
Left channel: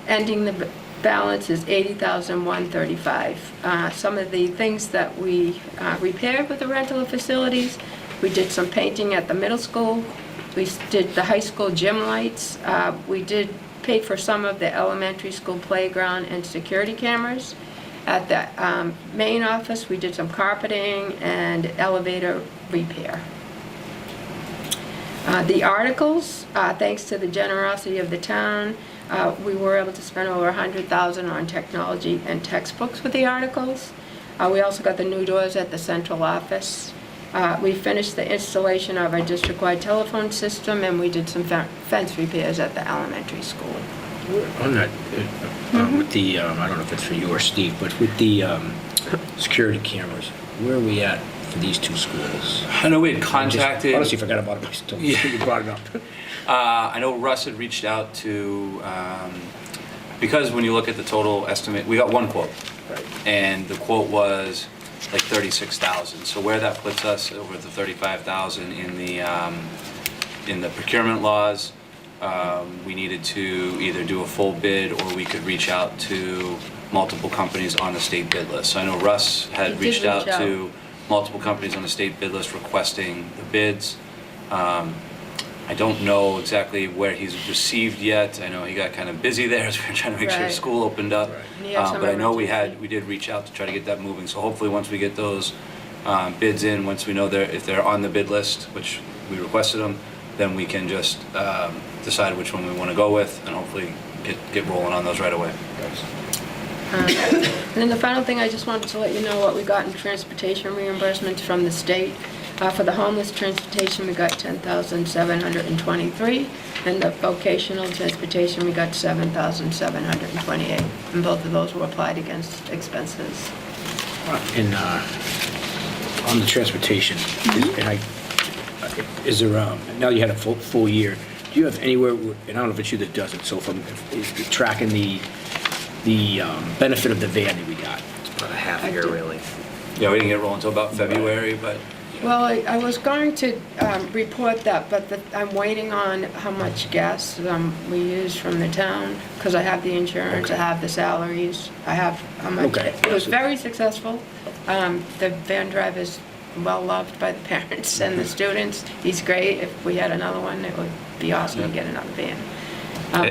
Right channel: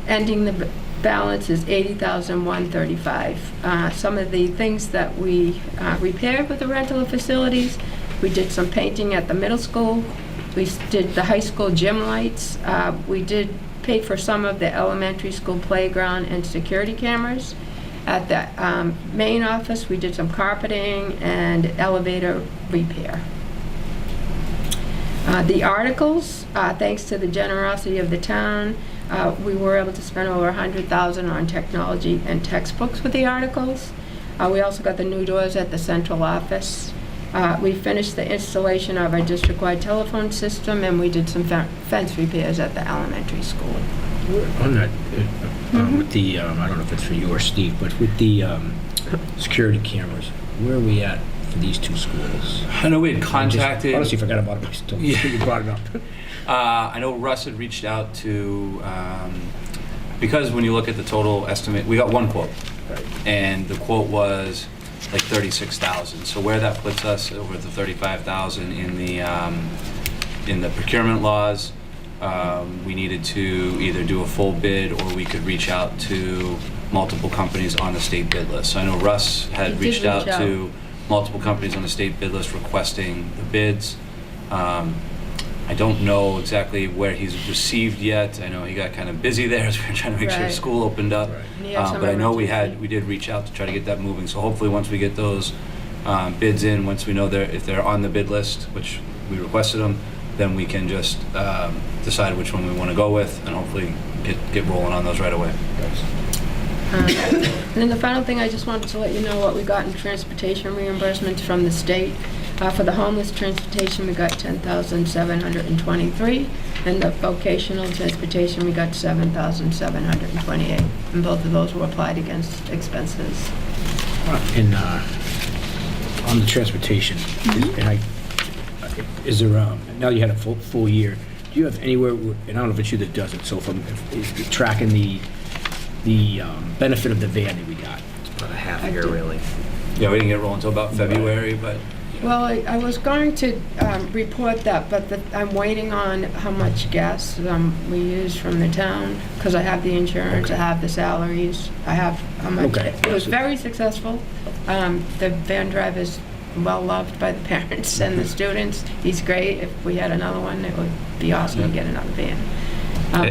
Ending the balance is $80,135. Some of the things that we repaired with the rental of facilities, we did some painting at the middle school. We did the high school gym lights. We did pay for some of the elementary school playground and security cameras. At the main office, we did some carpeting and elevator repair. The articles, thanks to the generosity of the town, we were able to spend over $100,000 on technology and textbooks with the articles. We also got the new doors at the central office. We finished the installation of our district-wide telephone system, and we did some fence repairs at the elementary school. On that, with the, I don't know if it's for you or Steve, but with the security cameras, where are we at for these two schools? I know we had I contacted. honestly forgot about it until you brought it up. I know Russ had reached out to, because when you look at the total estimate, we got one quote. Right. And the quote was like 36,000. So where that puts us over the 35,000 in the procurement laws, we needed to either do a full bid or we could reach out to multiple companies on the state bid list. So I know Russ had reached out to multiple companies on the state bid list requesting the bids. I don't know exactly where he's received yet. I know he got kind of busy there as we were trying to make sure school opened up. Right. But I know we did reach out to try to get that moving. So hopefully once we get those bids in, once we know if they're on the bid list, which we requested them, then we can just decide which one we want to go with and hopefully get rolling on those right away. And then the final thing, I just wanted to let you know what we got in transportation reimbursements from the state. For the homeless transportation, we got 10,723, and the vocational transportation, we got 7,728. And both of those were applied against expenses. And on the transportation, is there, now you had a full year, do you have anywhere, and I don't know if it's you that does it, so if you're tracking the benefit of the van that we got? About a half I year, do. really. Yeah, we didn't get rolling until about February, but Well, I was going to report that, but I'm waiting on how much gas we use from the town, because I have the insurance, I have the salaries, I have how much. Okay. It was very successful. The van driver's well-loved by the parents and the students. He's great. If we had another one, it would be awesome to get another van.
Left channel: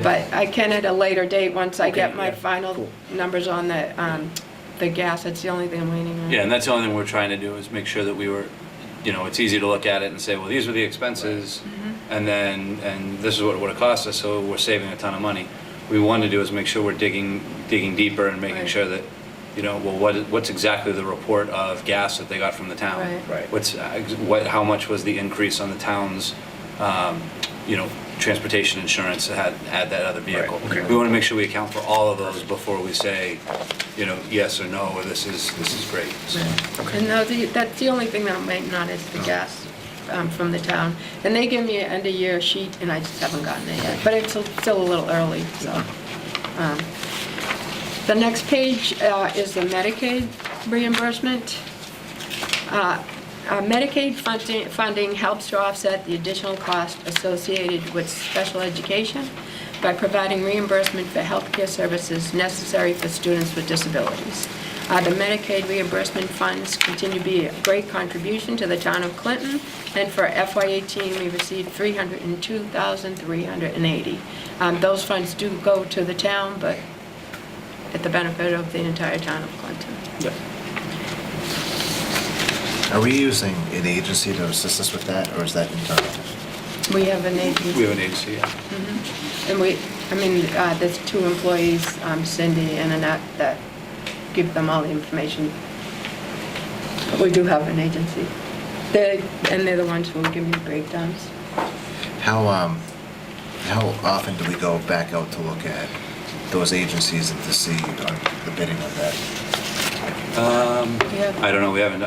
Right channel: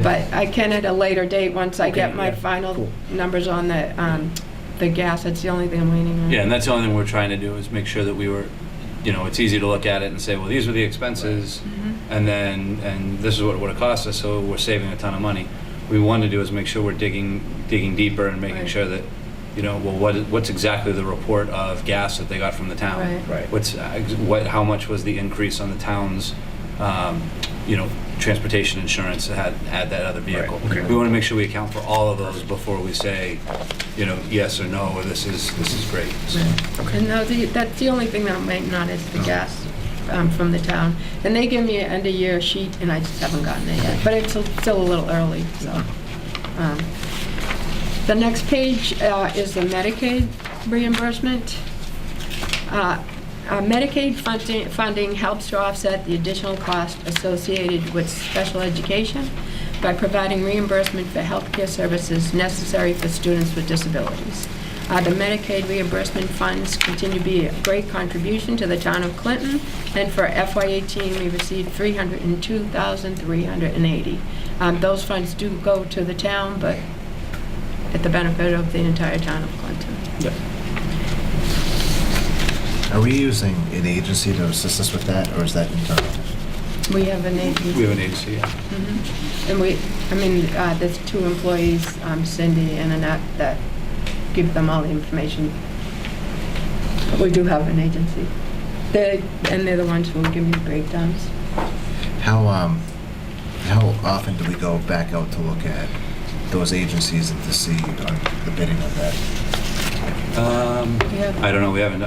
But I can at a later date, once I get my yeah, final cool. numbers on the gas. That's the only thing I'm waiting on. yeah, and that's the only thing we're trying to do is make sure that we were, it's easy to look at it and say, well, these were the expenses, and this is what it would have cost us, so we're saving a ton of money. What we want to do is make sure we're digging deeper and making Right. sure that, what's exactly the report of gas that they got from the town? Right. Right. How much was the increase on the town's, transportation insurance to add that other vehicle? Right, okay. We want to make sure we account for all of those before we say, yes or no, or this is great. So, And now that's the only thing that I'm waiting on is the gas from the town. And they give me an end-of-year sheet, and I just haven't gotten it yet. But it's still a little early, so. The next page is the Medicaid reimbursement. Medicaid funding helps to offset the additional cost associated with special education by providing reimbursement for healthcare services necessary for students with disabilities. The Medicaid reimbursement funds continue to be a great contribution to the town of Clinton, and for FY18, we received $302,380. Those funds do go to the town, but at the benefit of the entire town of Clinton. Yep. Are we using an agency to assist us with that, or is that internal? We have an agency. we have an agency, yeah. And there's 2 employees, Cindy and Annette, that give them all the information. But we do have an agency. They're the ones who will give me the breakdowns. How often do we go back out to look at those agencies and to see the bidding of that? Yeah. I don't know, we haven't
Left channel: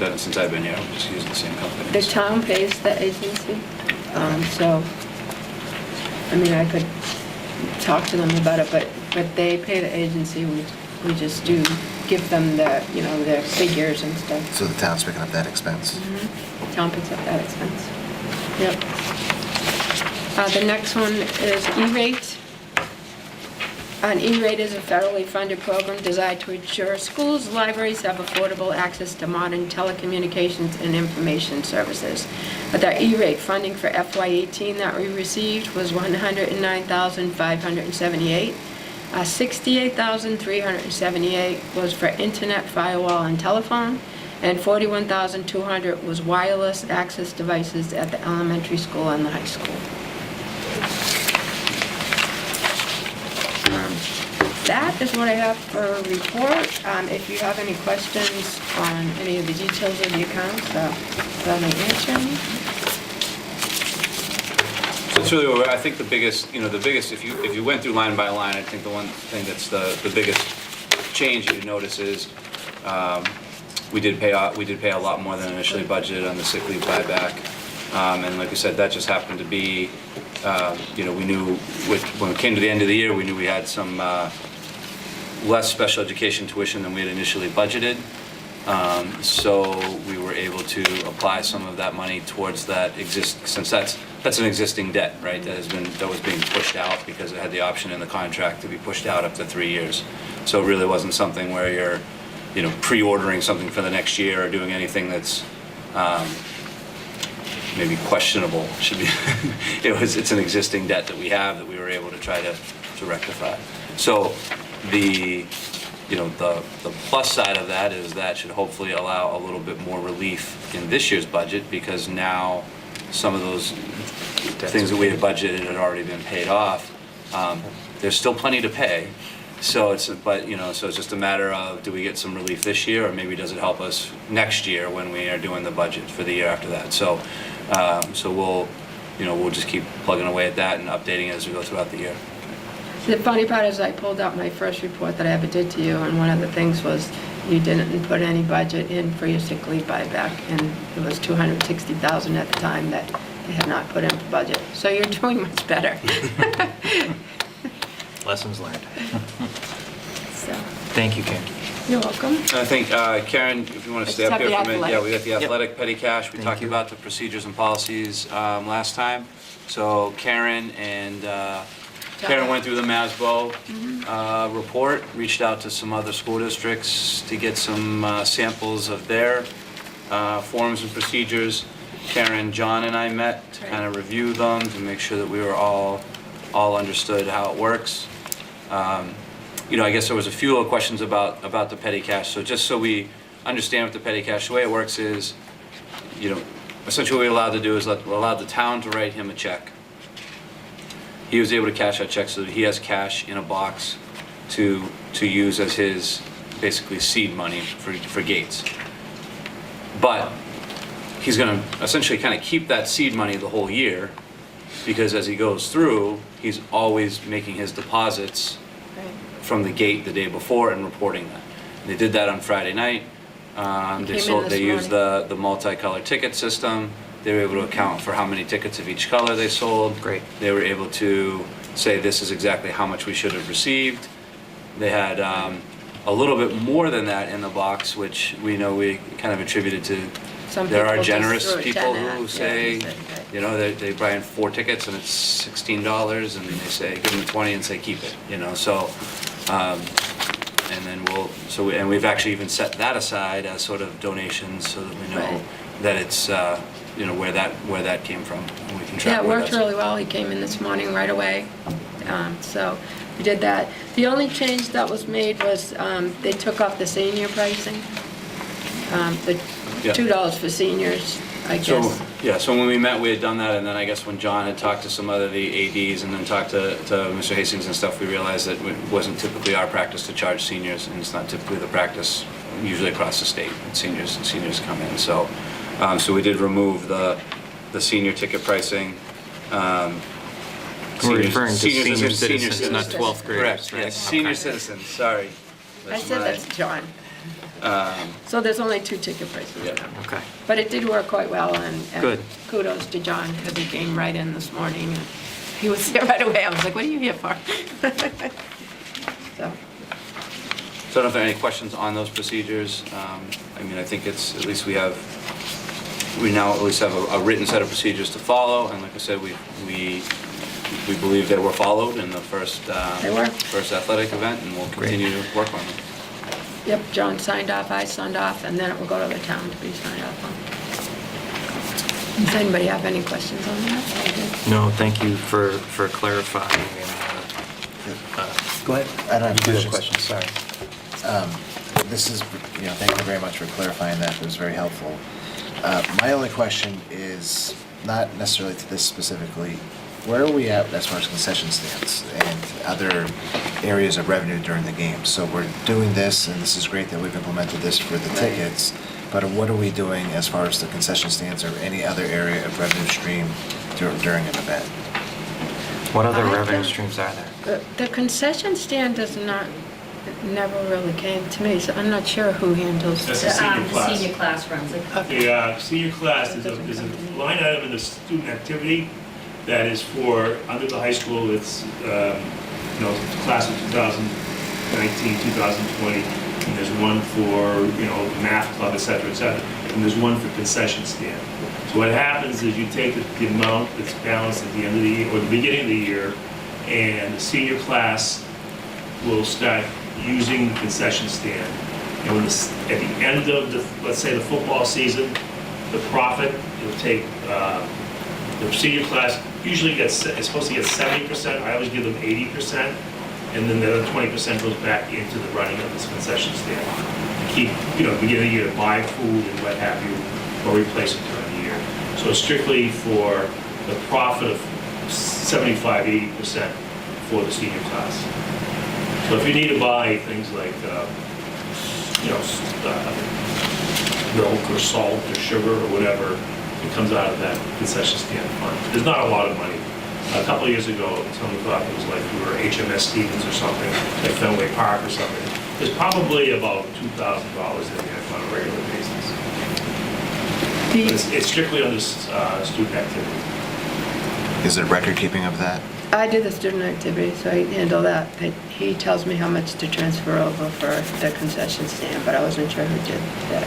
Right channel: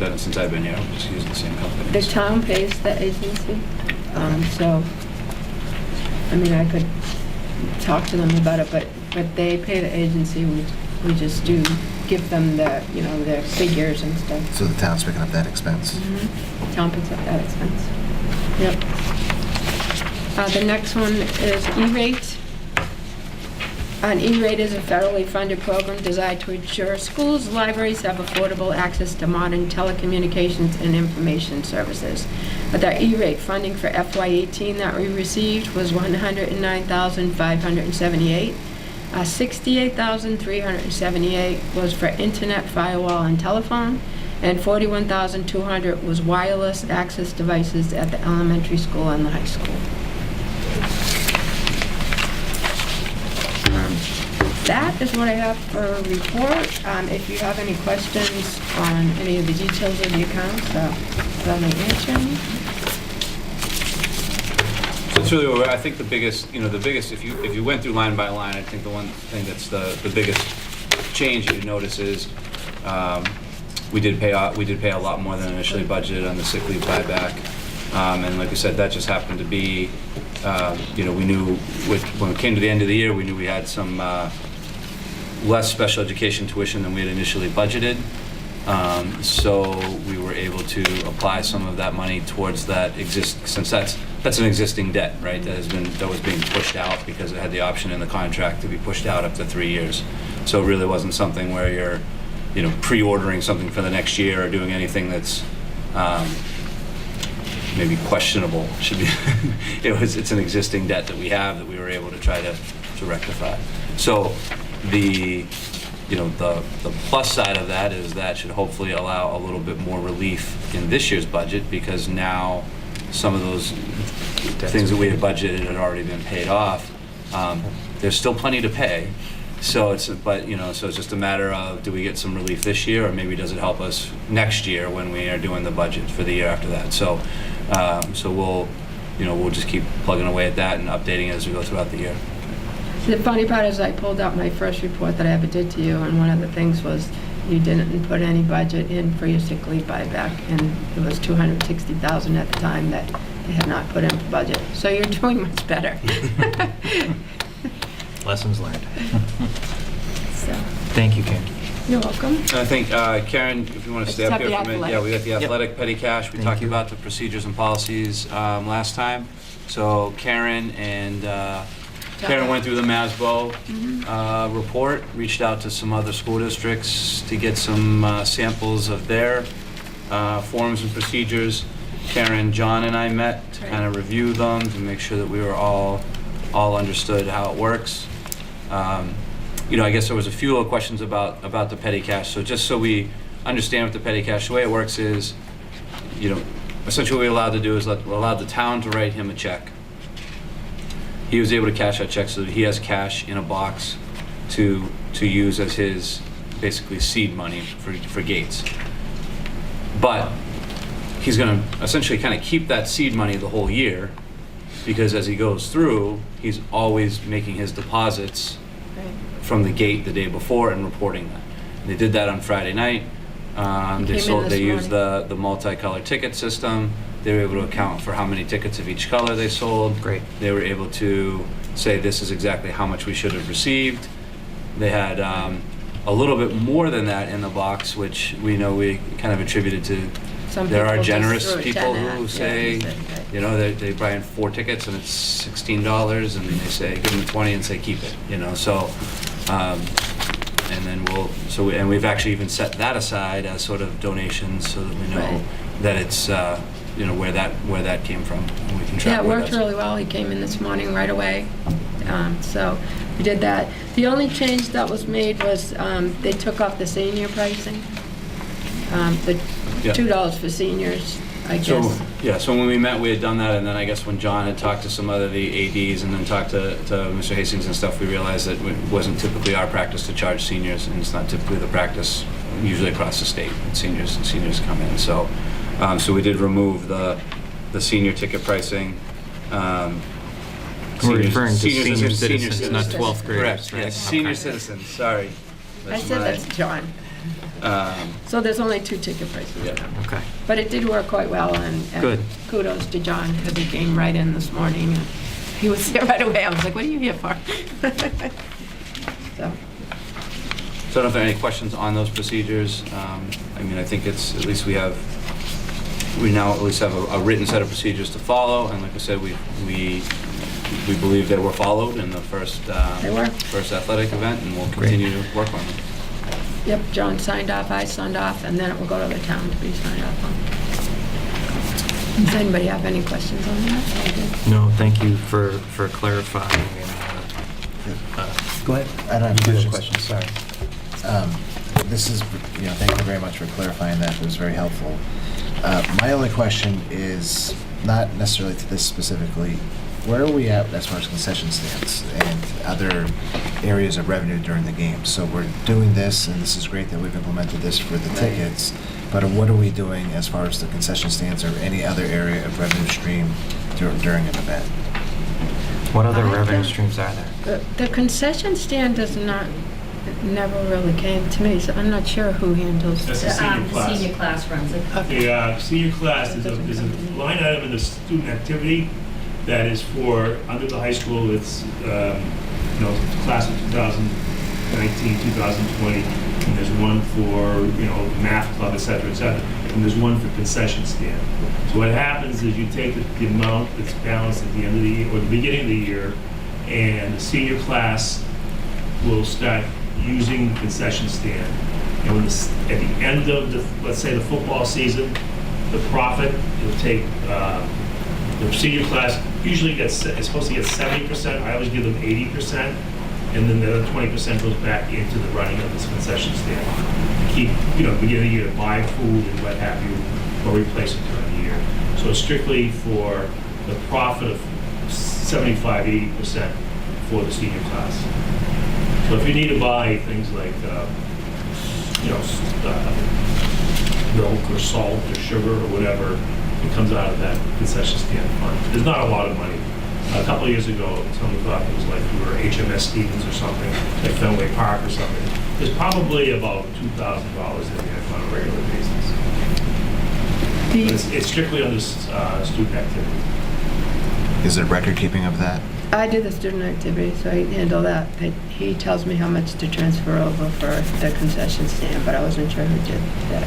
done it since I've been here, we just use the same company. The town pays the agency, so, I could talk to them about it, but they pay the agency. We just do give them their figures and stuff. So the town's picking up that expense? Town picks up that expense. Yep. The next one is E-rate. An E-rate is a federally funded program designed to ensure schools, libraries have affordable access to modern telecommunications and information services. But the E-rate funding for FY18 that we received was $109,578. $68,378 was for internet, firewall, and telephone, and $41,200 was wireless access devices at the elementary school and the high school. That is what I have for a report. If you have any questions on any of the details of the accounts, let me answer them. So it's really, I think the biggest, if you went through line by line, I think the one thing that's the biggest change that you notice is we did pay a lot more than initially budgeted on the sick leave buyback. And like I said, that just happened to be, we knew when it came to the end of the year, we knew we had some less special education tuition than we had initially budgeted. So we were able to apply some of that money towards that since that's an existing debt, right? That was being pushed out because it had the option in the contract to be pushed out up to 3 years. So it really wasn't something where you're, pre-ordering something for the next year or doing anything that's maybe questionable. Should be. It's an existing debt that we have that we were able to try to rectify. So the plus side of that is that should hopefully allow a little bit more relief in this year's budget, because now some of those things that we had budgeted had already been paid off. There's still plenty to pay, So so it's just a matter of, do we get some relief this year, or maybe does it help us next year when we are doing the budget for the year after that? So, we'll just keep plugging away at that and updating it as we go throughout the year. The funny part is I pulled out my first report that I ever did to you, and one of the things was you didn't put any budget in for your sick leave buyback, and it was $260,000 at the time that they had not put in for budget. So you're doing much better. Lessons learned. So, Thank you, Karen. you're welcome. I think, Karen, if you want to stay up Except here the for a minute. Yeah, we got the Yep. athletic petty cash. We Thank talked you. about the procedures and policies last time. So Karen went through the MASBO report, reached out to some other school districts to get some samples of their forms and procedures. Karen, John, and I met to kind of review them, to make sure that we were all understood how it works. I guess there was a few little questions about the petty cash. So just so we understand what the petty cash, the way it works is, essentially what we're allowed to do is we're allowed the town to write him a check. He was able to cash that check so that he has cash in a box to use as his basically seed money for Gates. But he's going to essentially kind of keep that seed money the whole year, because as he goes through, he's always making his deposits from the gate the day before and reporting that. They did that on Friday night. They used the multicolored ticket system. They were able to account for how many tickets of each color they sold. Great. They were able to say this is exactly how much we should have received. They had a little bit more than that in the box, which we know we kind of attributed to. There are generous people who say, they buy in 4 tickets and it's $16, and they say, give them 20 and say, keep it, so, and then we've actually even set that aside as sort of donations so that we know that it's, where that came from. And we can track Yeah, it where worked that's- really well. He came in this morning right away. So we did that. The only change that was made was they took off the senior pricing. The Yeah. $2 for seniors, I guess. So when we met, we had done that, and then I guess when John had talked to some other the ADs and then talked to Mr. Hastings and stuff, we realized that it wasn't typically our practice to charge seniors, and it's not typically the practice usually across the state. Seniors come in, so we did remove the senior ticket pricing. We're referring to senior citizens, not 12th graders, Correct, right? yes, senior Okay. citizens, sorry. I said that's John. So there's only 2 ticket prices Yeah. now. Okay. But it did work quite well, and Good. kudos to John, because he came right in this morning, and he was there right away. I was like, what are you here for? So, So I don't know if there are any questions on those procedures. I think it's, at least we now at least have a written set of procedures to follow, and like I said, we believe they were followed in the first They were. first athletic event, and we'll continue to work on them. yep, John signed off, I signed off, and then it will go to the town to be signed off on. Does anybody have any questions on that? All good? No, thank you for clarifying. Go ahead. I don't have a question, sorry. This is, thank you very much for clarifying that. It was very helpful. My only question is not necessarily to this specifically. Where are we at as far as concession stands and other areas of revenue during the game? So we're doing this, and this is great that we've implemented this for the tickets, but what are we doing as far as the concession stands or any other area of revenue stream during an event? What other I revenue don't- streams are there? The concession stand never really came to me, so I'm not sure who handles That's that. the senior class. Senior class runs it. The senior class is a line item in the student activity that is for, under the high school, it's, class of 2019, 2020, and there's one for, math club, et cetera, and there's one for concession stand. So what happens is you take the amount that's balanced at the end of the year, or the beginning of the year, and the senior class will start using the concession stand. And when at the end of let's say the football season, the profit, you'll take, the senior class usually is supposed to get 70%, I always give them 80%, and then the other 20% goes back into the running of this concession stand. To keep, beginning of the year to buy food and what have you, or replace it during the year. So strictly for the profit of 75, 80% for the senior class. So if you need to buy things like, milk or salt or sugar or whatever, it comes out of that concession stand fund. There's not a lot of money. A couple of years ago, someone thought it was like we were HMS Stevens or something, like Fenway Park or something. There's probably about $2,000 in there on a regular basis. But it's strictly under student activity. Is there record keeping of that? I do the student activity, so I handle that. He tells me how much to transfer over for the concession stand, but I wasn't sure who did that.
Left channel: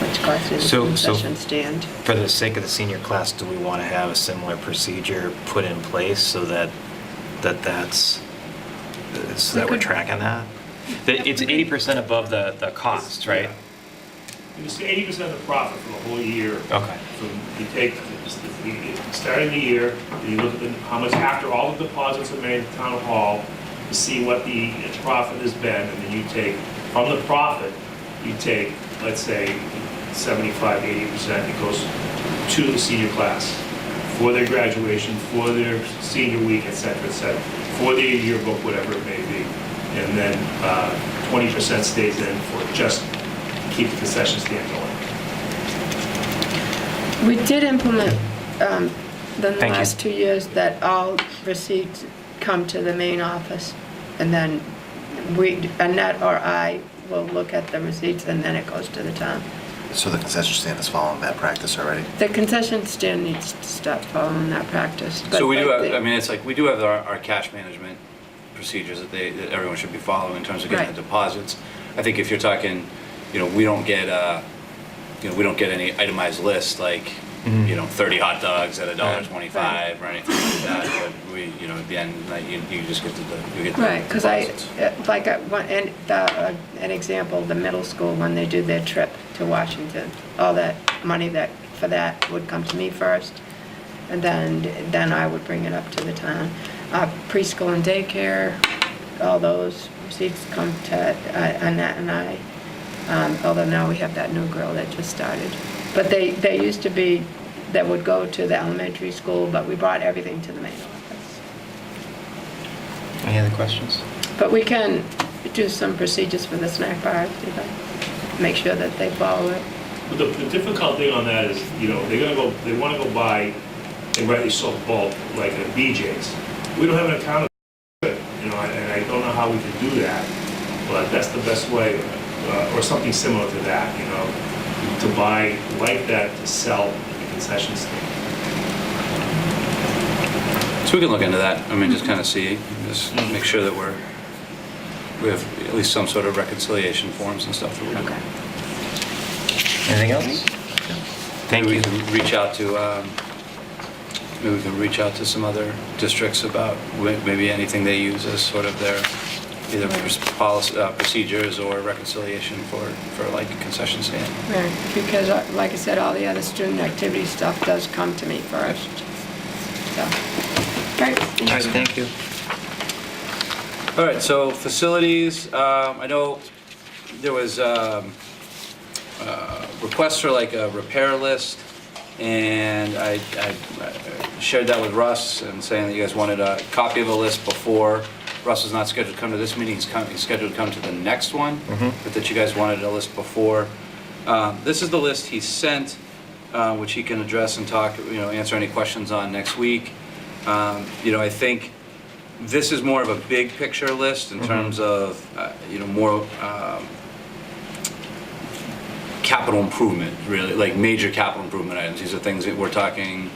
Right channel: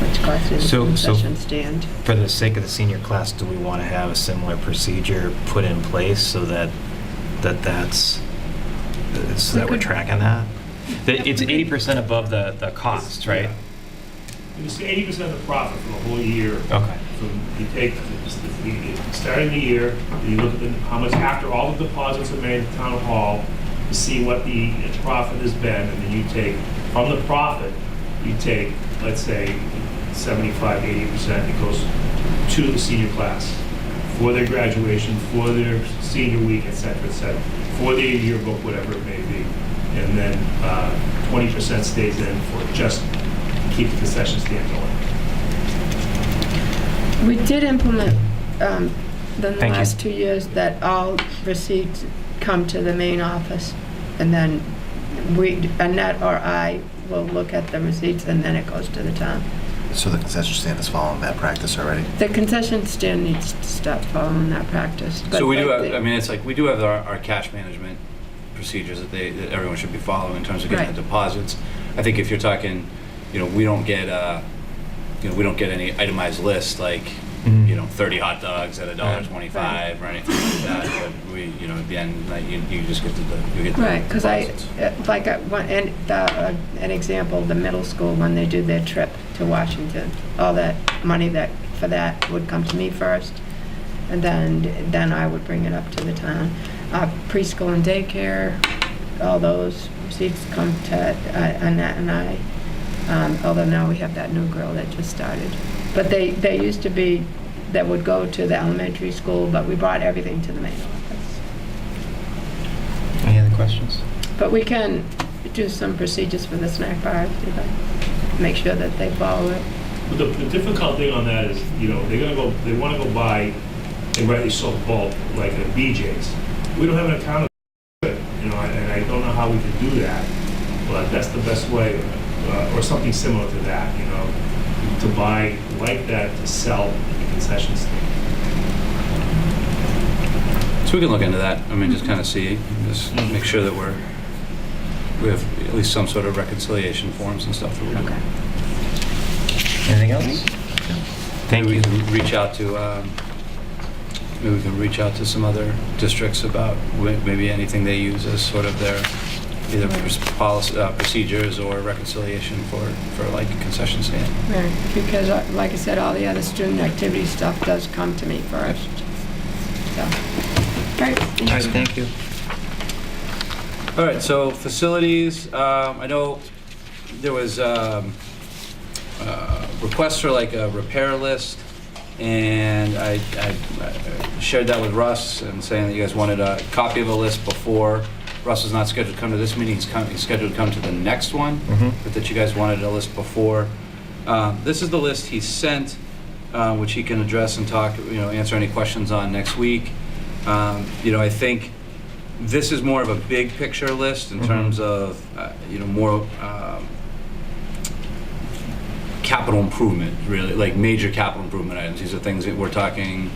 Which cost is the So- concession stand. For the sake of the senior class, do we want to have a similar procedure put in place so that we're tracking that? It's 80% above the cost, right? It's 80% of the profit for the whole year. Okay. So you take, starting the year, you look at how much, after all the deposits are made at town hall, to see what the profit has been, and then you take, from the profit, you take, let's say, 75, 80%, it goes to the senior class for their graduation, for their senior week, et cetera, for their yearbook, whatever it may be. And then 20% stays in for just to keep the concession stand going. We did implement, the Thank you. last 2 years, that all receipts come to the main office, and then Annette or I will look at the receipts, and then it goes to the town. So the concession stand is following that practice already? The concession stand needs to start following that practice. So we do but have, I mean, it's like, we do have our cash management procedures that that everyone should be following in terms of getting Right. the deposits. I think if you're talking, we don't get, we don't get any itemized list like, 30 hot dogs at $1.25 or anything like that. But we, at the end, you just get the Right, because deposits. an example, the middle school, when they do their trip to Washington, all that money for that would come to me first, and then I would bring it up to the town. Preschool and daycare, all those receipts come to Annette and I, although now we have that new girl that just started. But they used to be, that would go to the elementary school, but we brought everything to the main office. Any other questions? But we can do some procedures for the snack bars, make sure that they follow it. But the difficult thing on that is, they want to go buy, and rightly so, bulk, like a BJ's. We don't have an account of it, and I don't know how we can do that, but that's the best way, or something similar to that, to buy like that to sell at the concession stand. So we can look into that. I mean, just kind of see, just make sure that we have at least some sort of reconciliation forms and stuff that we do. Anything else? Thank Maybe you. we can reach out to, maybe we can reach out to some other districts about maybe anything they use as sort of their either policy, procedures or reconciliation for like a concession stand. Right, because like I said, all the other student activity stuff does come to me first. So, great. All right, thank you. All right, so facilities, I know there was requests for like a repair list, and I shared that with Russ and saying that you guys wanted a copy of a list before. Russ is not scheduled to come to this meeting, he's scheduled to come to the next one, but that you guys wanted a list before. This is the list he sent, which he can address and talk, answer any questions on next week. I think this is more of a big picture list in terms of, more capital improvement, really, like major capital improvement items. These are things that we're talking,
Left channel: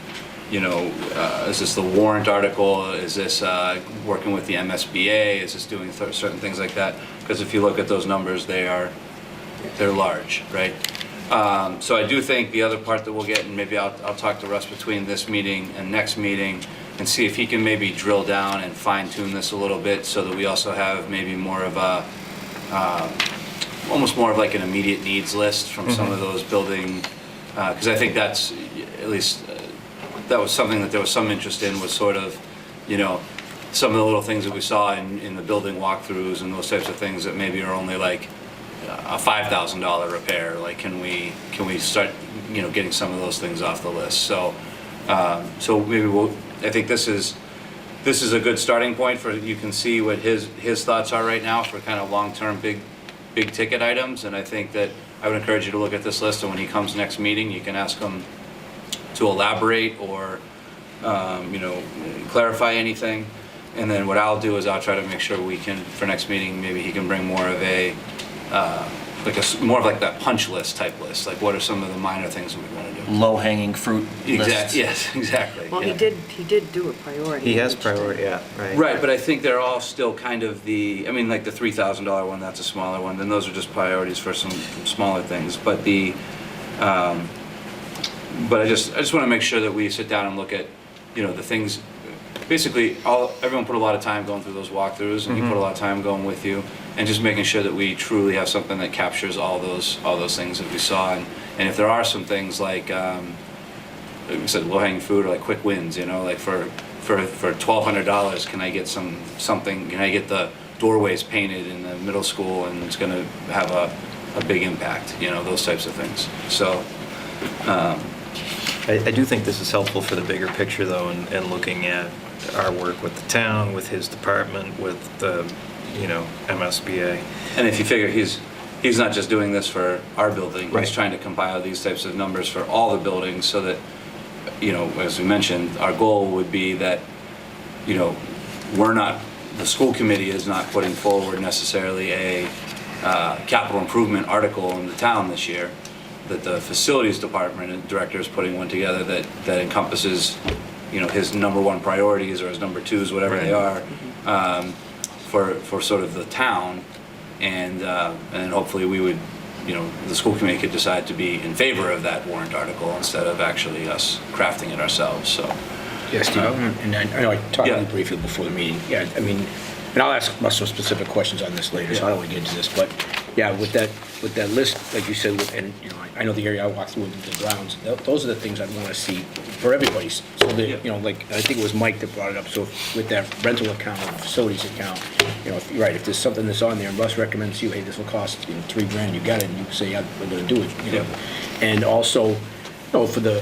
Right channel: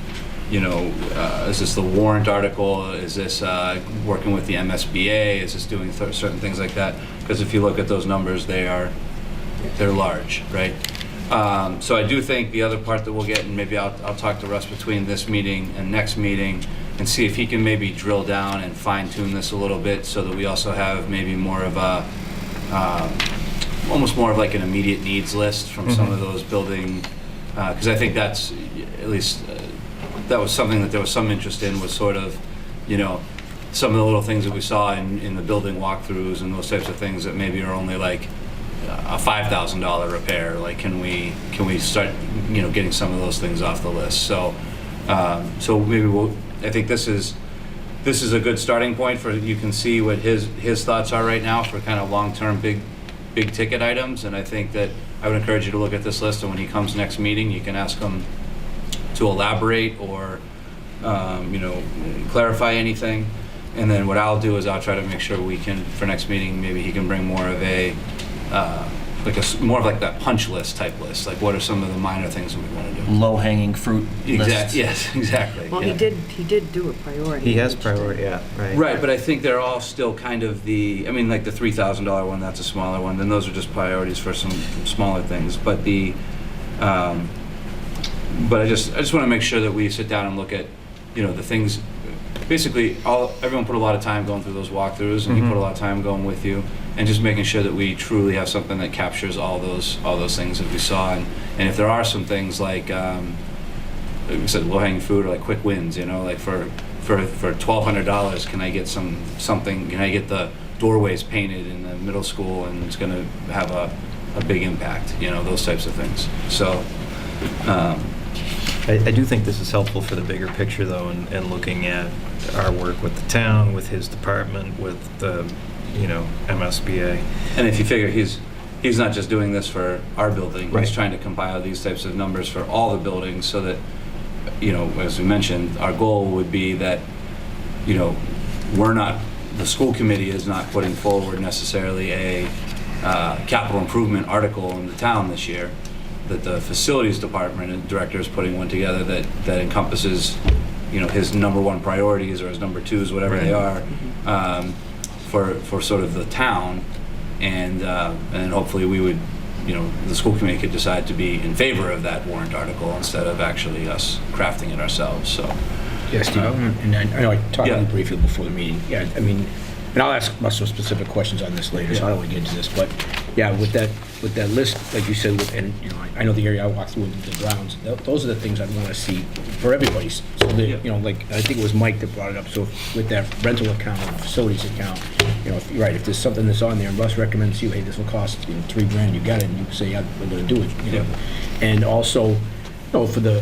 is this the warrant article? Is this working with the MSBA? Is this doing certain things like that? Because if you look at those numbers, they're large, right? So I do think the other part that we'll get, and maybe I'll talk to Russ between this meeting and next meeting, and see if he can maybe drill down and fine tune this a little bit so that we also have maybe more of a, almost more of like an immediate needs list from some of those building, because I think that's, at least, that was something that there was some interest in, was sort of, some of the little things that we saw in the building walkthroughs and those types of things that maybe are only like a $5,000 repair. Like, can we start, getting some of those things off the list? So maybe I think this is this is a good starting point for, you can see what his thoughts are right now for kind of long-term, big ticket items. And I think that I would encourage you to look at this list, and when he comes next meeting, you can ask him to elaborate or, clarify anything. And then what I'll do is I'll try to make sure we can, for next meeting, maybe he can bring more of a, more of like that punch list type list. Like, what are some of the minor things that we want to do? Low-hanging fruit list. Yes, exactly. Well, yeah. he did do a priority. He has list. priority, yeah, right. Right, but I think they're all still kind of like the $3,000 one, that's a smaller one. Then those are just priorities for some smaller things. But but I just want to make sure that we sit down and look at, the things. Basically, everyone put a lot of time going through those walkthroughs, and he put a lot of time going with you, and just making sure that we truly have something that captures all those things that we saw. And if there are some things like we said, low-hanging fruit or like quick wins, like for $1,200, can I get something? Can I get the doorways painted in the middle school, and it's going to have a big impact? Those types of things. So. I do think this is helpful for the bigger picture, though, and looking at our work with the town, with his department, with the, MSBA. And if you figure he's not just doing this for our building, Right. he's trying to compile these types of numbers for all the buildings so that, as we mentioned, our goal would be that, the school committee is not putting forward necessarily a capital improvement article in the town this year, that the facilities department and director is putting one together that encompasses, his number one priorities or his number twos, whatever they are, for sort of the town, and then hopefully we would, the school committee could decide to be in favor of that warrant article instead of actually us crafting it ourselves. So. Yeah, Steve, and I know I talked to Yeah. you briefly before the meeting. Yeah, I mean, and I'll ask Russell specific questions on this later, so I don't want to get into this. But yeah, with that list, like you said, and I know the area I walked through with the grounds. Those are the things I'd want to see for everybody's. So that like I think it was Mike that brought it up. So with that rental account, facilities account, if there's something that's on there, and Russ recommends to you, hey, this will cost $3,000, you got it, and you can say, yeah, we're going to do it. And also. For the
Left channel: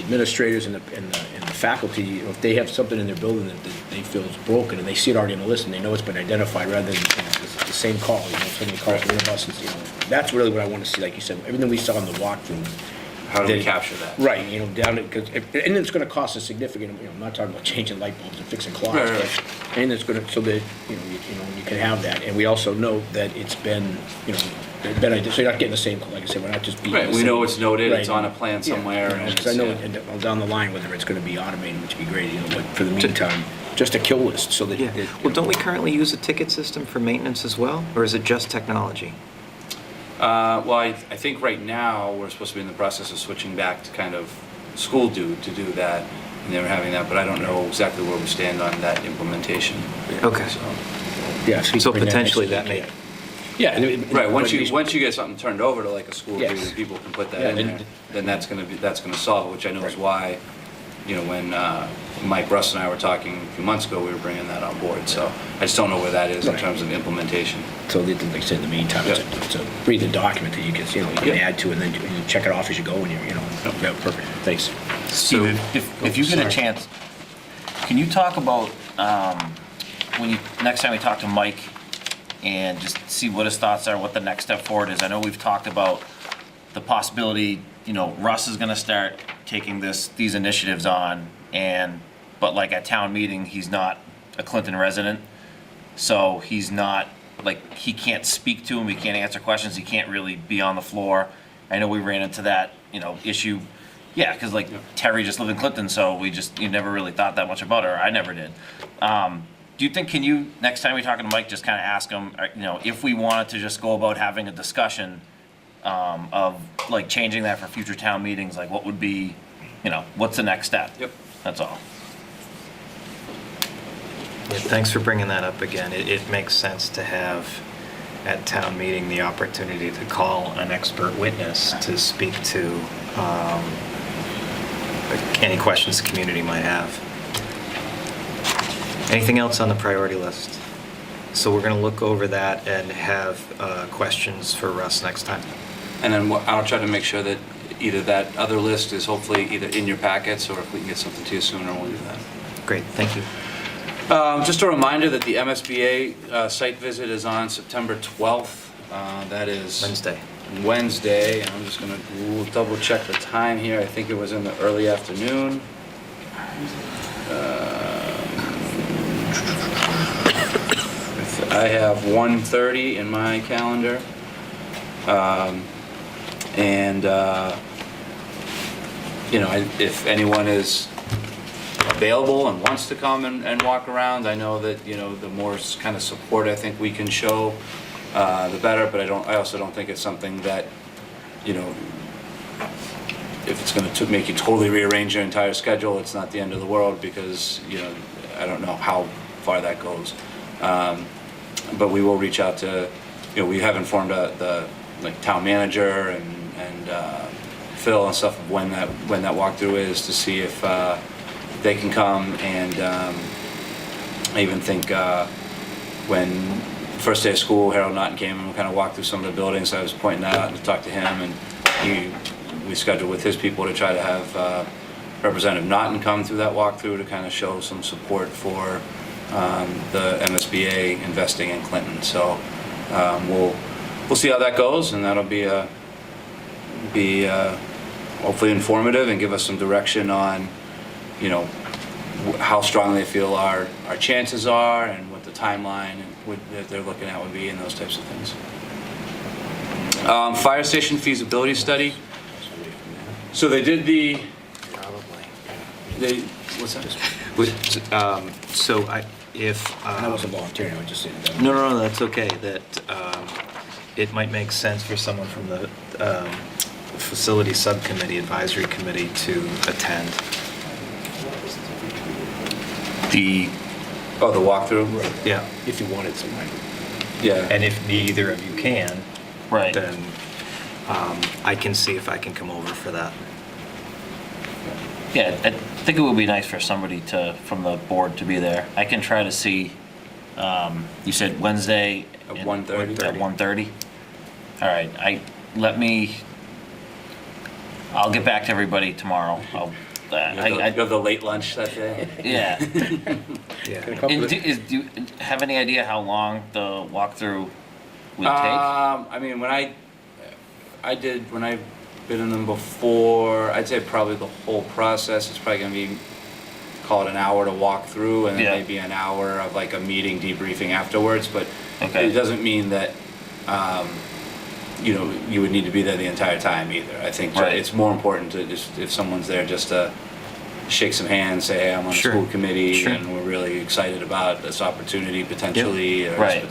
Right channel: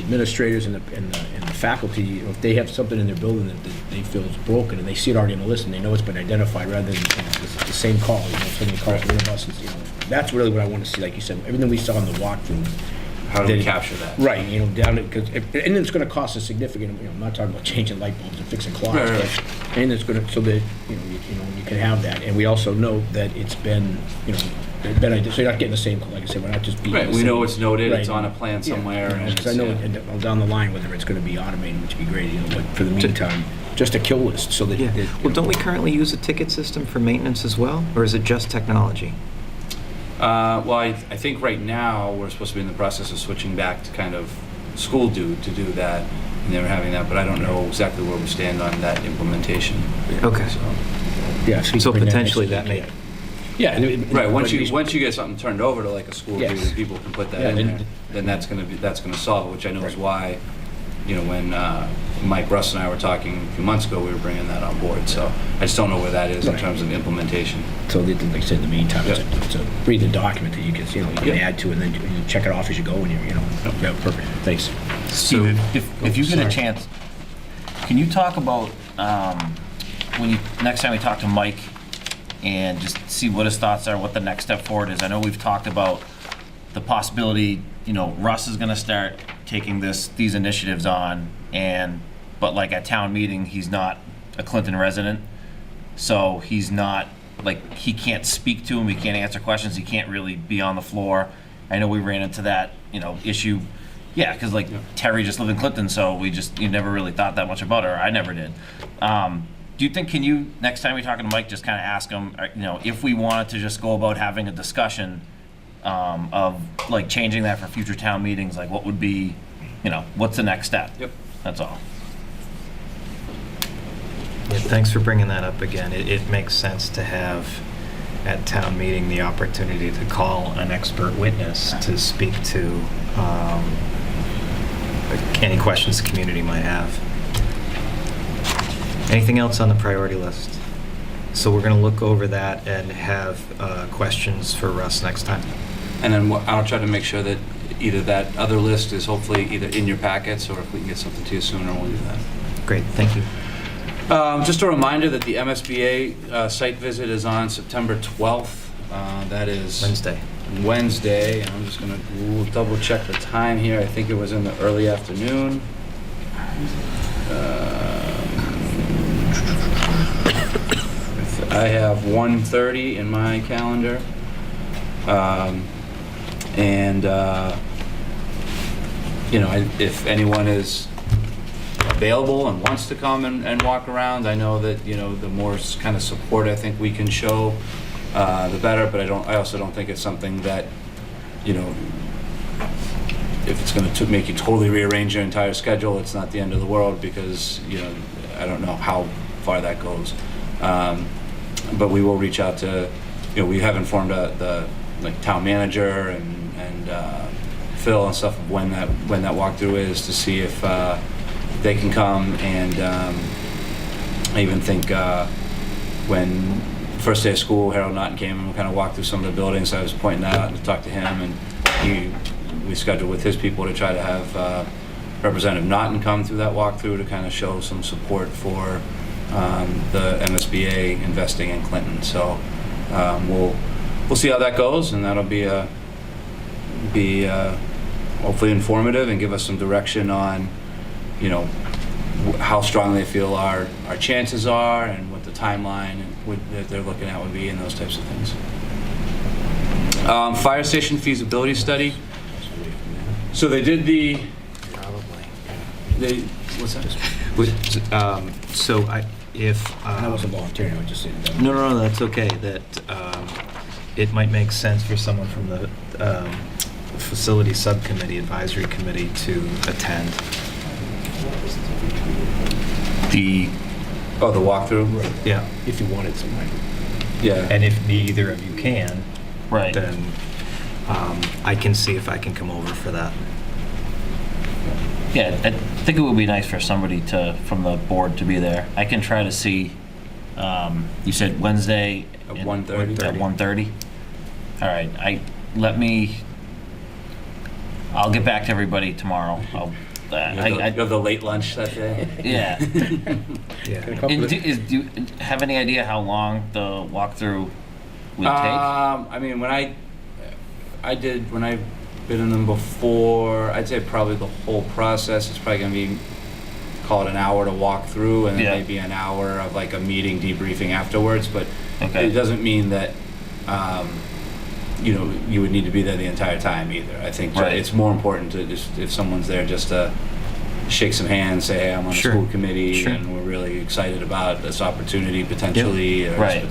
administrators and the faculty, if they have something in their building that they feel is broken and they see it already on the list and they know it's been identified, rather than the same call, somebody calls one of us, that's really what I want to see. Like you said, everything we saw in the walkthrough. How do we capture that? Right, down because and it's going to cost a significant. I'm not talking about changing light bulbs and fixing clocks, Right. And it's going to so that you can have that. And we also know that it's been so you're not getting the same. Like I said, we're not just beating. Right, we know it's noted. Right. It's on a plan somewhere. And Because I know down the line whether it's going to be automated, which would be great. But for the meantime, just a kill list so that. Well, don't we currently use a ticket system for maintenance as well, or is it just technology? Well, I think right now we're supposed to be in the process of switching back to kind of school to do that, and they were having that, but I don't know exactly where we stand on that implementation. Okay. So, Yeah. So potentially that may. Yeah. right. Once you get something turned over to like a school, Yes. people can put that in there. Then that's gonna solve it, which I know is why, when Mike, Russ, and I were talking a few months ago, we were bringing that on board. So I just don't know where that is in Right. terms of implemension. So like I said, in the meantime, it's a breathing document that you can add to, and then you check it off as you go, and yeah, perfect. Thanks. Steve, if you get a chance, can you talk about next time we talk to Mike and just see what his thoughts are, what the next step forward is? I know we've talked about the possibility, Russ is going to start taking these initiatives on, but like at town meeting, he's not a Clinton resident, so he's not he can't speak to him, he can't answer questions, he can't really be on the floor. I know we ran into that issue. Yeah, because Terry just lived in Clinton, so you never really thought that much about her. I never did. Do you think, next time you're talking to Mike, just kind of ask him, if we wanted to just go about having a discussion of changing that for future town meetings, what would be, what's the next step? Yep. That's all. Yeah, thanks for bringing that up again. It makes sense to have at town meeting the opportunity to call an expert witness to speak to any questions the community might have. Anything else on the priority list? So we're going to look over that and have questions for Russ next time. And then I'll try to make sure that either that other list is hopefully either in your packets, or if we can get something to you sooner, we'll do that. Great, thank you. Just a reminder that the MSBA site visit is on September 12th. That is Wednesday. I'm just going to double check the time here. I think it was in the early afternoon. I have 1:30 in my calendar. If anyone is available and wants to come and walk around, I know that, the more kind of support I think we can show, the better, but I also don't think it's something that, if it's going to make you totally rearrange your entire schedule, it's not the end of the world, because, I don't know how far that goes. But we will reach out to, we have informed the town manager and Phil and stuff of when that walkthrough is, to see if they can come. And I even think when first day of school, Harold Naughton came and kind of walked through some of the buildings. I was pointing that out and talked to him, and we scheduled with his people to try to have Representative Naughton come through that walkthrough to kind of show some support for the MSBA investing in Clinton. So we'll see how that goes, and that'll be hopefully informative and give us some direction on, how strong they feel our chances are, and what the timeline that they're looking at would be, and those types of things. Fire station feasibility study. So they did what's that? So I wasn't volunteering, I was just saying that. No, that's okay. That it might make sense for someone from the facility subcommittee, advisory committee, to attend. The The walkthrough? Yeah. If you wanted somebody. Yeah. And if neither of you can, right. then I can see if I can come over for that. Yeah, I think it would be nice for somebody from the board to be there. I can try to see, you said Wednesday At 1:30? At 1:30? All right, I'll get back to everybody tomorrow. You have the late lunch that day? Yeah. Yeah. And do you have any idea how long the walkthrough would take? I mean, when I've been in them before, I'd say probably the whole process is probably going to be, call it an hour to walk through, and then maybe an hour of like a meeting debriefing afterwards. But it doesn't mean that you would need to be there the entire time either. I think it's more important to just, if someone's there, just to shake some hands, say, hey, I'm on the school committee, and we're really excited about this opportunity potentially, or and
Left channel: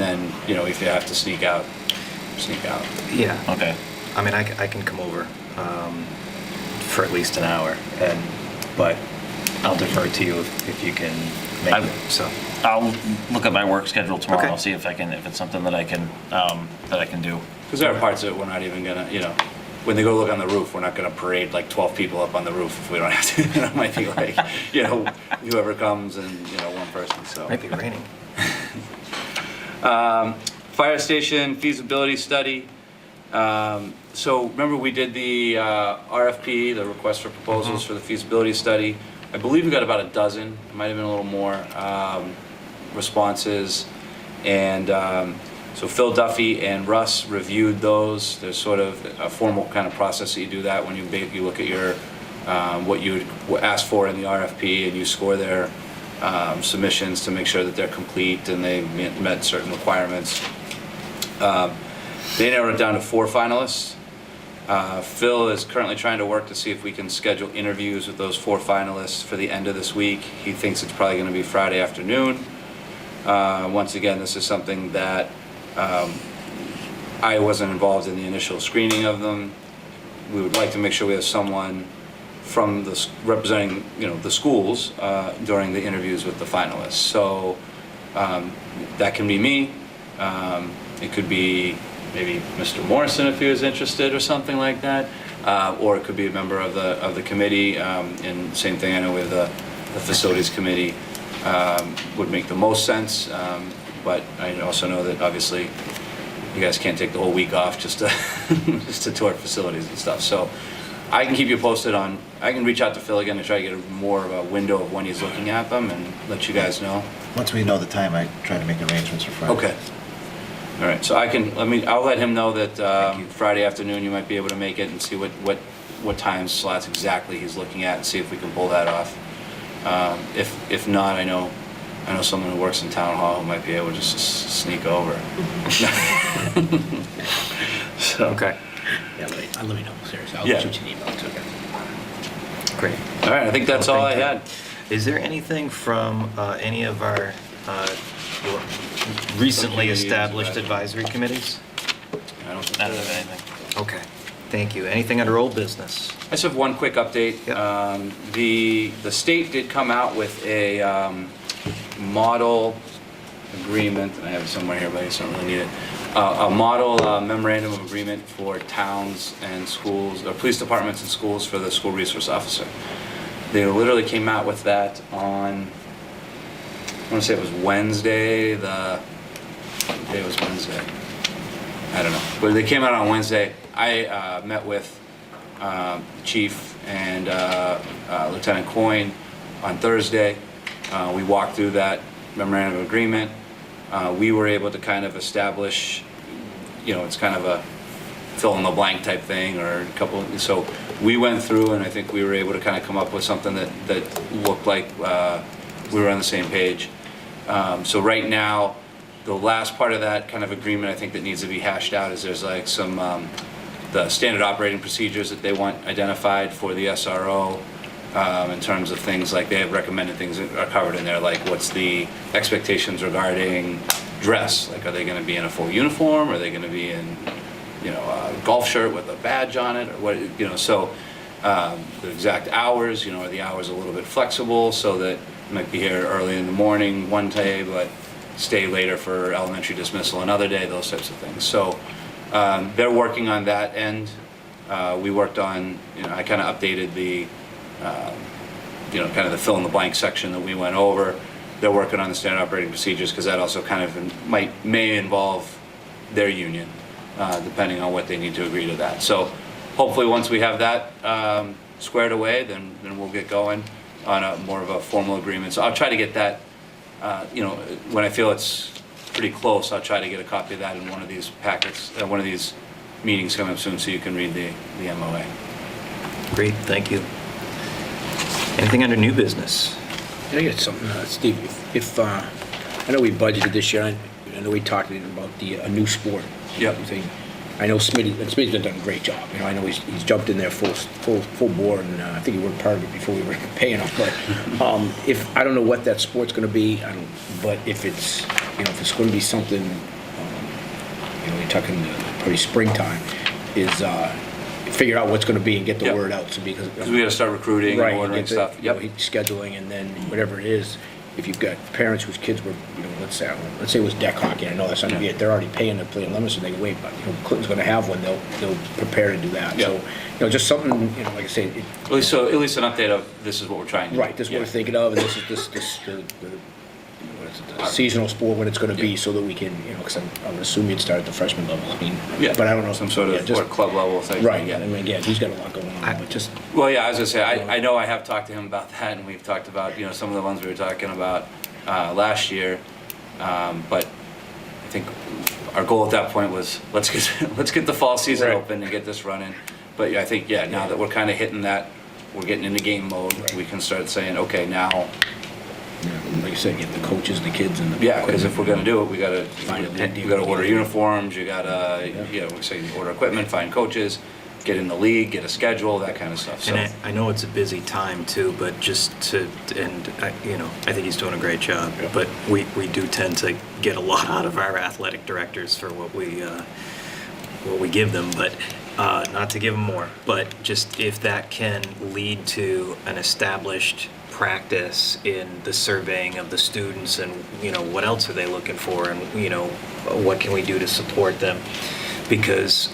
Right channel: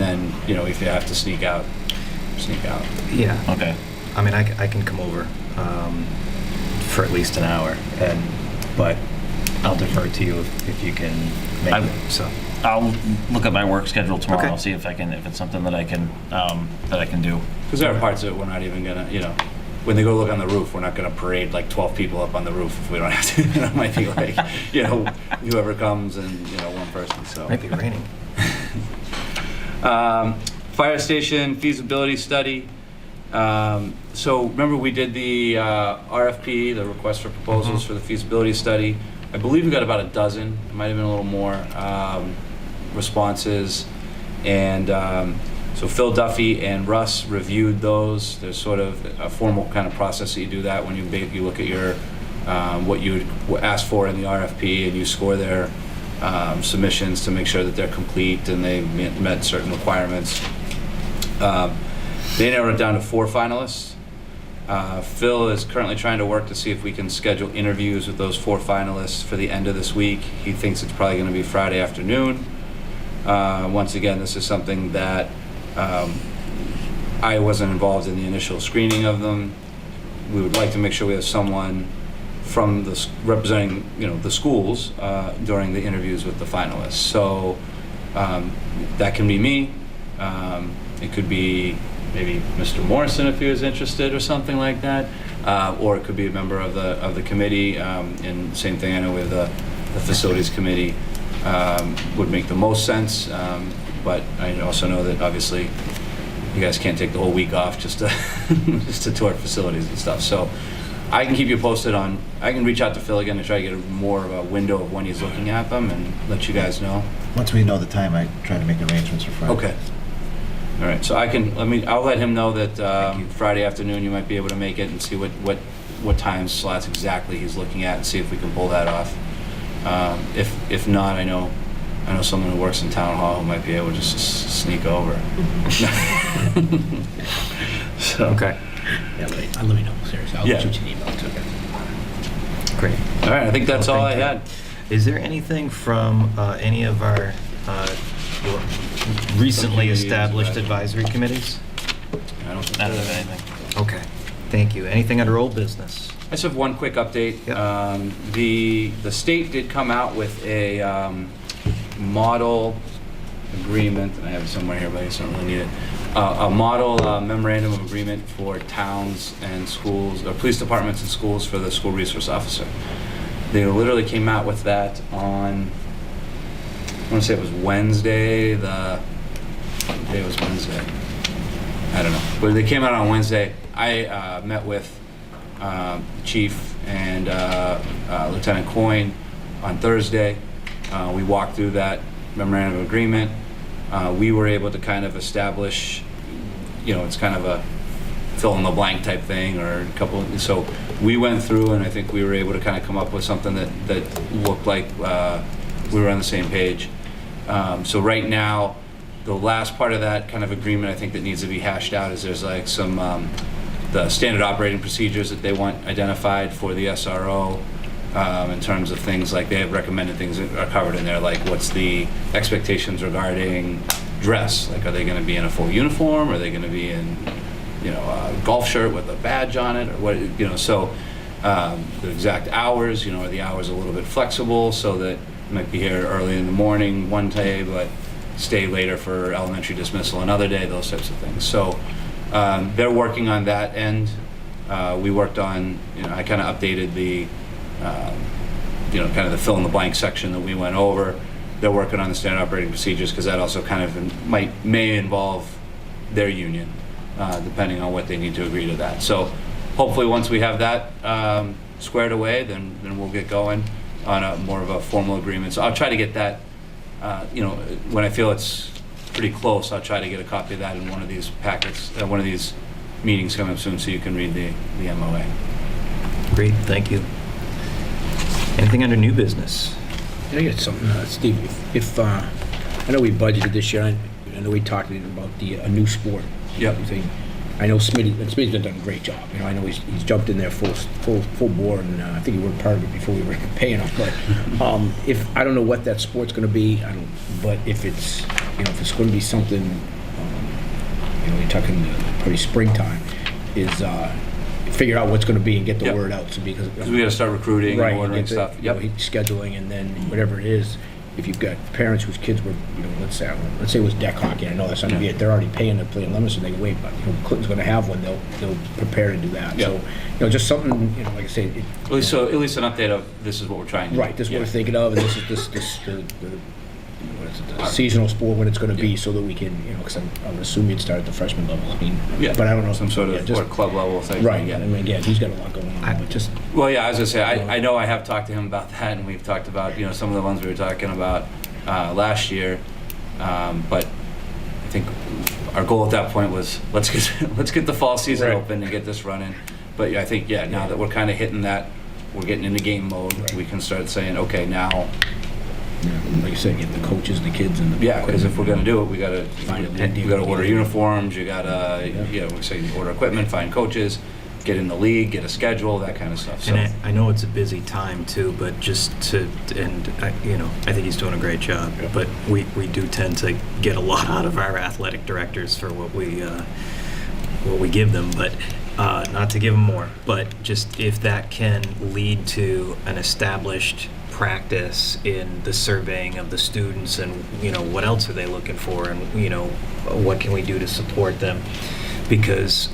then if you have to sneak out. Yeah. Okay. I mean, I can come over for at least an hour, but I'll defer to you if you can make it. So I'll look at my work schedule tomorrow. Okay. I'll see if it's something that I can do. Because there are parts of it we're not even gonna, when they go look on the roof, we're not gonna parade like 12 people up on the roof if we don't have to. It might be like, whoever comes and one person. So might be raining. Fire station feasibility study. So remember we did the RFP, the request for proposals for the feasibility study. I believe we got about a dozen. It might have been a little more responses. And so Phil Duffy and Russ reviewed those. There's sort of a formal kind of process that you do that when you look at your what you would ask for in the RFP, and you score their submissions to make sure that they're complete and they met certain requirements. They narrowed it down to 4 finalists. Phil is currently trying to work to see if we can schedule interviews with those 4 finalists for the end of this week. He thinks it's probably going to be Friday afternoon. Once again, this is something that I wasn't involved in the initial screening of them. We would like to make sure we have someone from representing the schools during the interviews with the finalists. So that can be me. It could be maybe Mr. Morrison if he was interested or something like that, or it could be a member of the committee. And same thing, I know with the facilities committee would make the most sense. But I also know that obviously you guys can't take the whole week off just to tour facilities and stuff. So I can keep you posted on, I can reach out to Phil again and try to get more of a window of when he's looking at them and let you guys know. Once we know the time, I try to make arrangements for Friday. Okay. All right, so I'll let him know that Friday afternoon you might be able to make it and see what time slots exactly he's looking at and see if we can pull that off. If not, I know someone who works in town hall who might be able to just sneak over. So. Okay, Yeah, let me know, seriously. I'll Yeah. shoot you an email too. great. All right, I think that's all I Thank you. had. Is there anything from any of our recently Subcommittees, established advisory committees? I don't think I don't have anything. Okay, thank you. Anything under old business? I just have one quick update. Yep. The state did come out with a model agreement, and I have it somewhere here, but I just don't really need it. A model memorandum of agreement for towns and schools, or police departments and schools for the school resource officer. They literally came out with that on, I want to say it was Wednesday, what day was Wednesday? I don't know, but they came out on Wednesday. I met with Chief and Lieutenant Coyne on Thursday. We walked through that memorandum of agreement. We were able to kind of establish, it's kind of a fill in the blank type thing, or a couple. So we went through, and I think we were able to kind of come up with something that looked like we were on the same page. So right now, the last part of that kind of agreement, I think that needs to be hashed out, is there's like some the standard operating procedures that they want identified for the SRO. In terms of things like they have recommended things that are covered in there, like what's the expectations regarding dress? Like, are they going to be in a full uniform? Are they going to be in, a golf shirt with a badge on it, or what? So the exact hours, are the hours a little bit flexible so that you might be here early in the morning one day, but stay later for elementary dismissal another day, those types of things. So they're working on that end. We worked on, I kind of updated the kind of the fill in the blank section that we went over. They're working on the standard operating procedures because that also kind of may involve their union, depending on what they need to agree to that. So hopefully once we have that squared away, then we'll get going on a more of a formal agreement. So I'll try to get that, when I feel it's pretty close, I'll try to get a copy of that in one of these packets, one of these meetings coming up soon, so you can read the MOA. Great, thank you. Anything under new business? I got something, Steve, if I know we budgeted this year, I know we talked about a new sport. Yep. Thing. I know Smitty's done a great job. I know he's jumped in there full bore, and I think he worked part of it before we were paying him. But if I don't know what that sport's going to be, but if it's if it's going to be something, you're talking probably springtime, is figure out what's going to be and get the Yep. word out. So because we got to start recruiting right, and ordering get the, stuff. Yep. Scheduling, and then whatever it is. If you've got parents whose kids were, let's say it was deck hockey. I know that's not going to be it. They're already paying to play in Leominster. They can wait, but Clinton's going to have one. They'll prepare to do that. Yeah. So just something, like I say. At least an update of this is what we're trying to do. Right. This is what we're thinking of, and this is the seasonal sport when it's going to be, so that we can, because I would assume you'd start at the freshman level. Yeah. But I don't know, Some sort of or club level thing. Right. Yeah. I mean, again, he's got a lot going on, but just. Well, yeah. I was gonna say I know I have talked to him about that, and we've talked about some of the ones we were talking about last year, but I think our goal at that point was let's get the fall season Right. open and get this running. But yeah, I think now that we're kind of hitting that, we're getting into game mode. Right. We can start saying, okay, now. Like you said, get the coaches and the kids and the. Yeah, because if we're gonna do it, we gotta order Yeah. uniforms. You gotta we say order equipment, find coaches, get in the league, get a schedule, that kind of stuff. So And I know it's a busy time too, but I think he's doing a great job. Yeah. But we do tend to get a lot out of our athletic directors for what we give them, but not to give them more. But just if that can lead to an established practice in the surveying of the students, and what else are they looking for, and what can we do to support them, because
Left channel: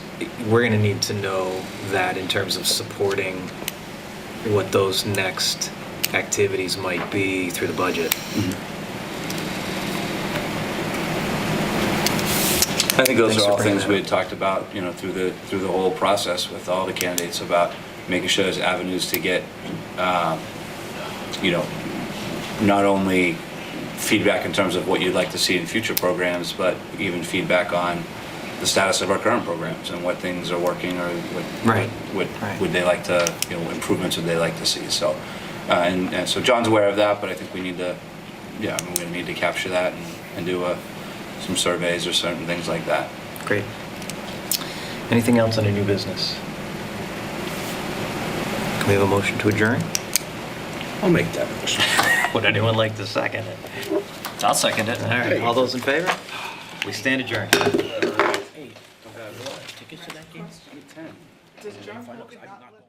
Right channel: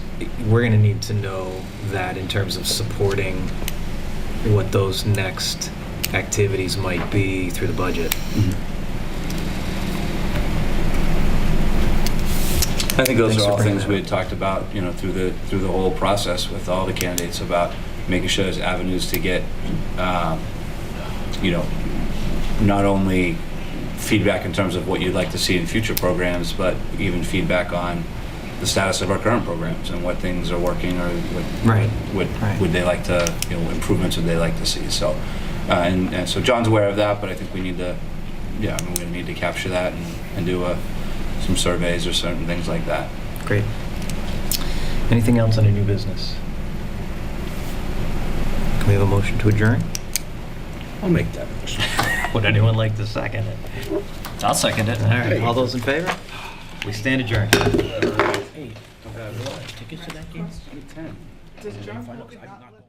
we're going to need to know that in terms of supporting what those next activities might be through the budget. I think those Thanks are for all bringing things that we up. had talked about, through the whole process with all the candidates about making sure there's avenues to get, you know, not only feedback in terms of what you'd like to see in future programs, but even feedback on the status of our current programs and what things are working, or Right. what would they like to, you know, improvements would they like to see. So, and so John's aware of that, but I think we need to, yeah, I mean, we need to capture that and do some surveys or certain things like that. Great. Anything else under new business? Can we have a motion to adjourn? I'll make that motion. Would anyone like to second it? I'll second it. All right, all those in favor? We stand adjourned. Hey, tickets to that game? Does John I'm not going.